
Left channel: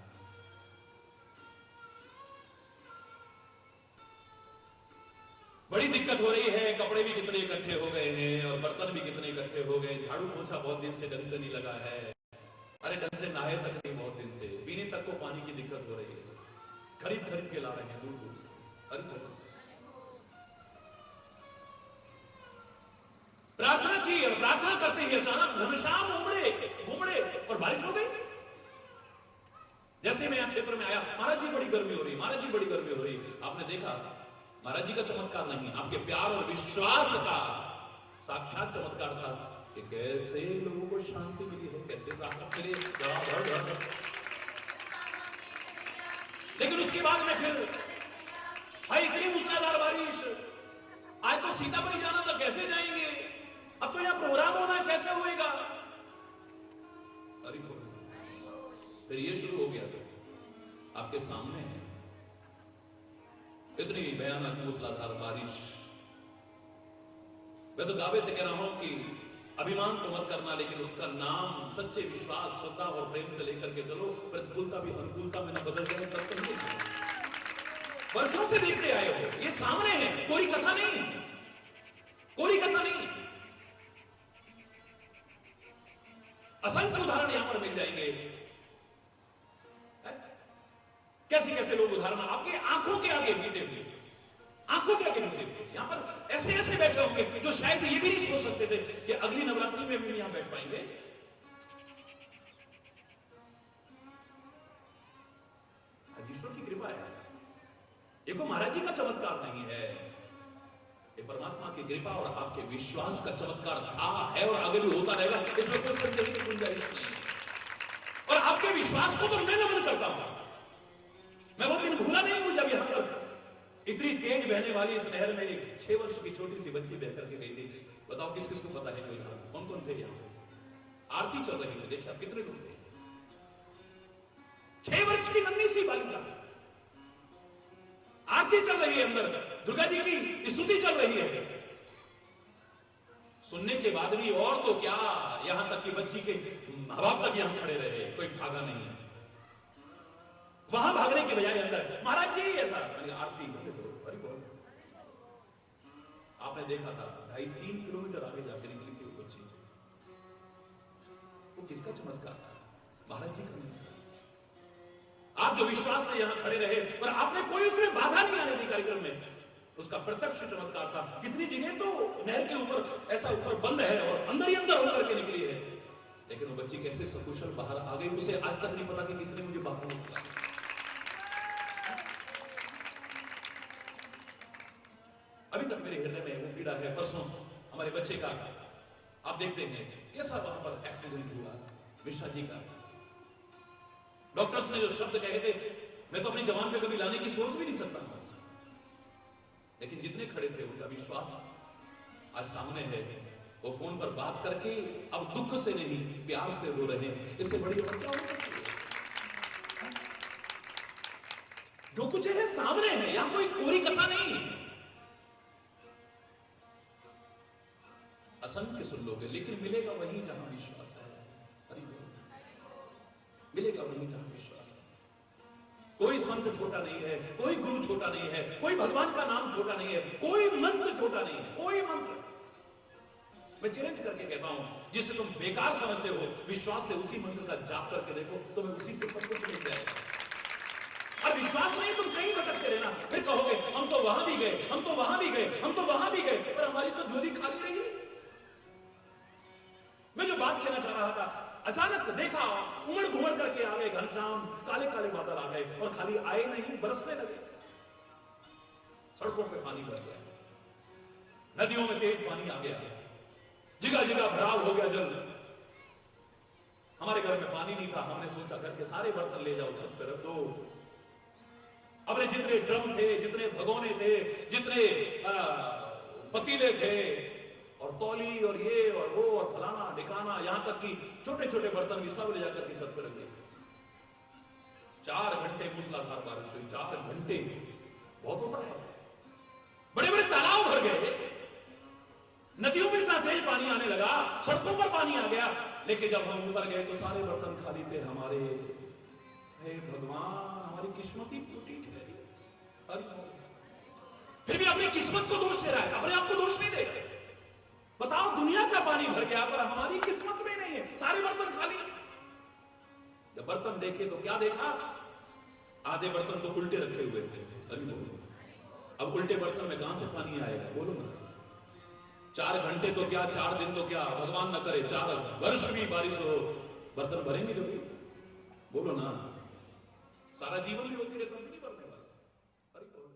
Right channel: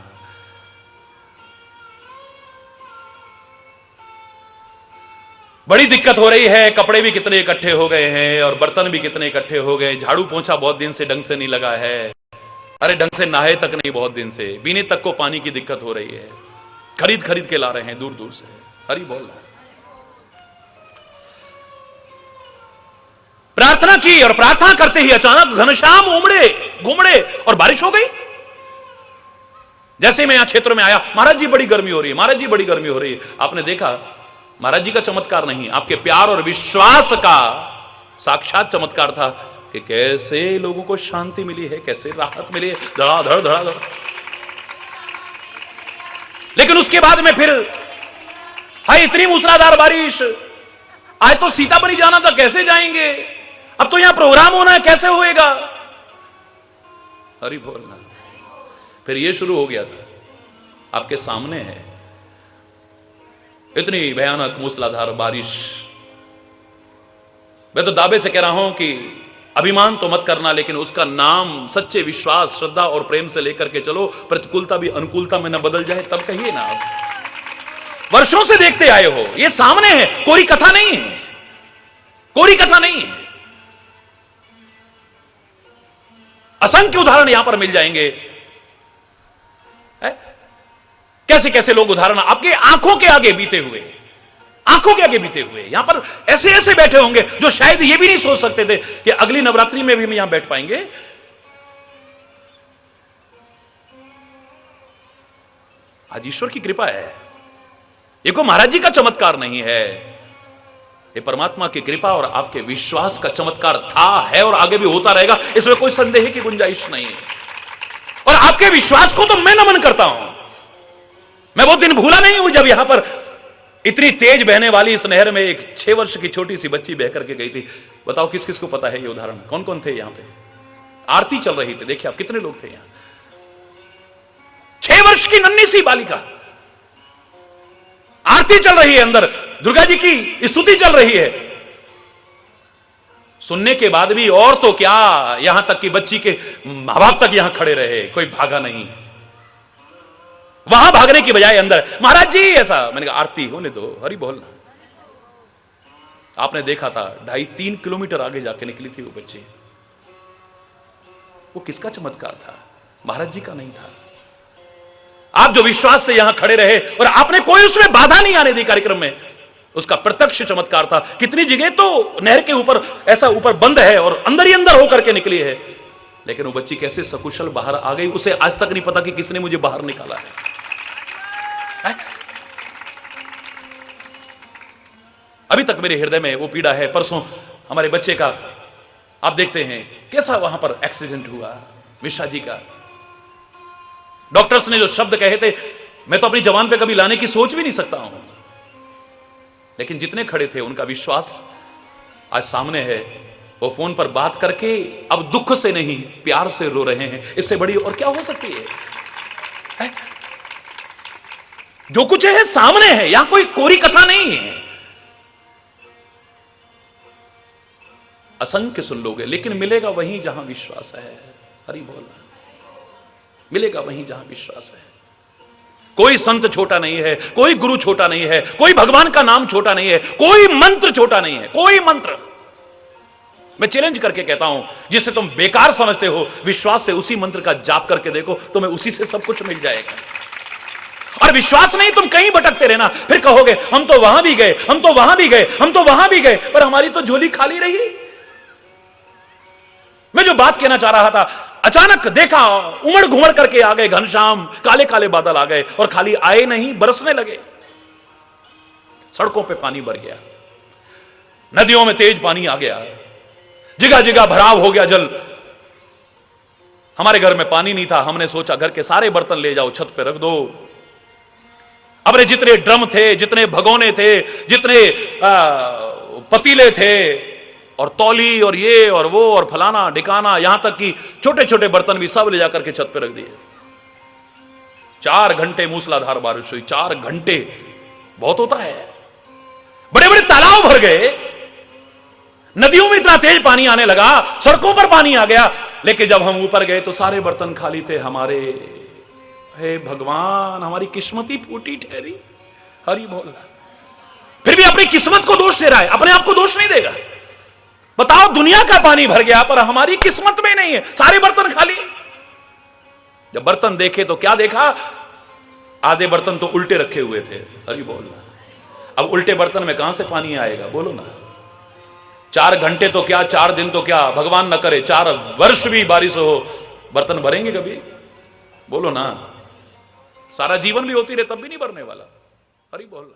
बड़ी दिक्कत हो रही है, कपड़े भी कितने इकट्ठे हो गए हैं और बर्तन भी कितने इकट्ठे हो गए। झाड़ू पोंछा बहुत दिन से ढंग से नहीं लगा है, अरे ढंग से नहाए तक नहीं बहुत दिन से, पीने तक को पानी की दिक्कत हो रही है, खरीद खरीद के ला रहे हैं दूर दूर से। हरि बोल रहा है। प्रार्थना की और प्रार्थना करते ही अचानक घनश्याम उमड़े घुमड़े और बारिश हो गई। जैसे मैं यहां क्षेत्र में आया, महाराज जी बड़ी गर्मी हो रही है, महाराज जी बड़ी गर्मी हो रही है। आपने देखा महाराज जी का चमत्कार नहीं, आपके प्यार और विश्वास का साक्षात चमत्कार था कि कैसे लोगों को शांति मिली है, कैसे राहत मिली है, धड़ाधड़ धड़ाधड़। लेकिन उसके बाद में फिर हाय इतनी मूसलाधार बारिश, आज तो सीतामढ़ी जाना था, कैसे जाएंगे, अब तो यहां प्रोग्राम होना है, कैसे होएगा। हरि बोलना। फिर ये शुरू हो गया था, आपके सामने है इतनी भयानक मूसलाधार बारिश। मैं तो दावे से कह रहा हूं कि अभिमान तो मत करना, लेकिन उसका नाम सच्चे विश्वास, श्रद्धा और प्रेम से लेकर के चलो। प्रतिकूलता भी अनुकूलता में न बदल जाए, तब कहिए ना। आप वर्षों से देखते आए हो, ये सामने है, कोई कथा नहीं है, कोई कथा नहीं है। असंख्य उदाहरण यहां पर मिल जाएंगे। कैसे कैसे लोग उदाहरण आपके आंखों के आगे बीते हुए, आंखों के आगे बीते हुए यहां पर ऐसे ऐसे बैठे होंगे जो शायद ये भी नहीं सोच सकते थे कि अगली नवरात्रि में भी हम यहां बैठ पाएंगे। आज ईश्वर की कृपा है, ये को महाराज जी का चमत्कार नहीं है, ये परमात्मा की कृपा और आपके विश्वास का चमत्कार था, है और आगे भी होता रहेगा, इसमें कोई संदेह की गुंजाइश नहीं है। और आपके विश्वास को तो मैं नमन करता हूं। मैं वो दिन भूला नहीं हूं जब यहां पर इतनी तेज बहने वाली इस नहर में एक 6 वर्ष की छोटी सी बच्ची बह करके गई थी। बताओ किस किस को पता है ये उदाहरण, कौन कौन थे यहां पे। आरती चल रही थी, देखिए आप कितने लोग थे यहां। 6 वर्ष की नन्ही सी बालिका, आरती चल रही है, अंदर दुर्गा जी की स्तुति चल रही है। सुनने के बाद भी और तो क्या, यहां तक कि बच्ची के मां बाप तक यहां खड़े रहे, कोई भागा नहीं। वहां भागने की बजाय अंदर, महाराज जी ऐसा। मैंने कहा आरती होने दो, हरि बोलना। आपने देखा था 2.5-3 किलोमीटर आगे जाके निकली थी वो बच्ची। वो किसका चमत्कार था? महाराज जी का नहीं था। आप जो विश्वास से यहां खड़े रहे और आपने कोई उसमें बाधा नहीं आने दी कार्यक्रम में, उसका प्रत्यक्ष चमत्कार था। कितनी जगह तो नहर के ऊपर ऐसा ऊपर बंद है और अंदर ही अंदर होकर के निकली है, लेकिन वो बच्ची कैसे सकुशल बाहर आ गई, उसे आज तक नहीं पता कि किसने मुझे बाहर निकाला है। अभी तक मेरे हृदय में वो पीड़ा है। परसों हमारे बच्चे का आप देखते हैं कैसा वहां पर एक्सीडेंट हुआ, मिश्रा जी का। डॉक्टर्स ने जो शब्द कहे थे, मैं तो अपनी जबान पे कभी लाने की सोच भी नहीं सकता हूं, लेकिन जितने खड़े थे उनका विश्वास आज सामने है। वो फोन पर बात करके अब दुख से नहीं प्यार से रो रहे हैं। इससे बड़ी और क्या हो सकती है? जो कुछ है सामने है, यहां कोई कोरी कथा नहीं है। असंख्य सुन लोगे, लेकिन मिलेगा वहीं जहां विश्वास है। हरि बोल, मिलेगा वहीं जहां विश्वास है। कोई संत छोटा नहीं है, कोई गुरु छोटा नहीं है, कोई भगवान का नाम छोटा नहीं है, कोई मंत्र छोटा नहीं है, कोई मंत्र। मैं चैलेंज करके कहता हूं, जिसे तुम बेकार समझते हो, विश्वास से उसी मंत्र का जाप करके देखो, तुम्हें उसी से सब कुछ मिल जाएगा। और विश्वास नहीं, तुम कहीं भटकते रहना, फिर कहोगे हम तो वहां भी गए, हम तो वहां भी गए, हम तो वहां भी गए, पर हमारी तो झोली खाली रही। मैं जो बात कहना चाह रहा था, अचानक देखा उमड़ घुमड़ करके आ गए घनश्याम, काले काले बादल आ गए, और खाली आए नहीं, बरसने लगे। सड़कों पे पानी भर गया, नदियों में तेज पानी आ गया, जगह जगह भराव हो गया जल। हमारे घर में पानी नहीं था, हमने सोचा घर के सारे बर्तन ले जाओ, छत पे रख दो। अपने जितने ड्रम थे, जितने भगोने थे, जितने पतीले थे, और तौली और ये और वो और फलाना ढिकाना, यहां तक कि छोटे छोटे बर्तन भी सब ले जाकर के छत पे रख दिए। 4 घंटे मूसलाधार बारिश हुई। 4 घंटे बहुत होता है। बड़े बड़े तालाब भर गए, नदियों में इतना तेज पानी आने लगा, सड़कों पर पानी आ गया। लेकिन जब हम ऊपर गए तो सारे बर्तन खाली थे हमारे। हे भगवान, हमारी किस्मत ही फूटी ठहरी। हरि बोल। फिर भी अपनी किस्मत को दोष दे रहा है, अपने आप को दोष नहीं देगा। बताओ, दुनिया का पानी भर गया पर हमारी किस्मत में नहीं है, सारे बर्तन खाली। जब बर्तन देखे तो क्या देखा? आधे बर्तन तो उल्टे रखे हुए थे। हरि बोल। अब उल्टे बर्तन में कहां से पानी आएगा, बोलो ना। 4 घंटे तो क्या, 4 दिन तो क्या, भगवान न करे 4 वर्ष भी बारिश हो, बर्तन भरेंगे कभी, बोलो ना। सारा जीवन भी होती रहे तब भी नहीं भरने वाला। हरि बोल।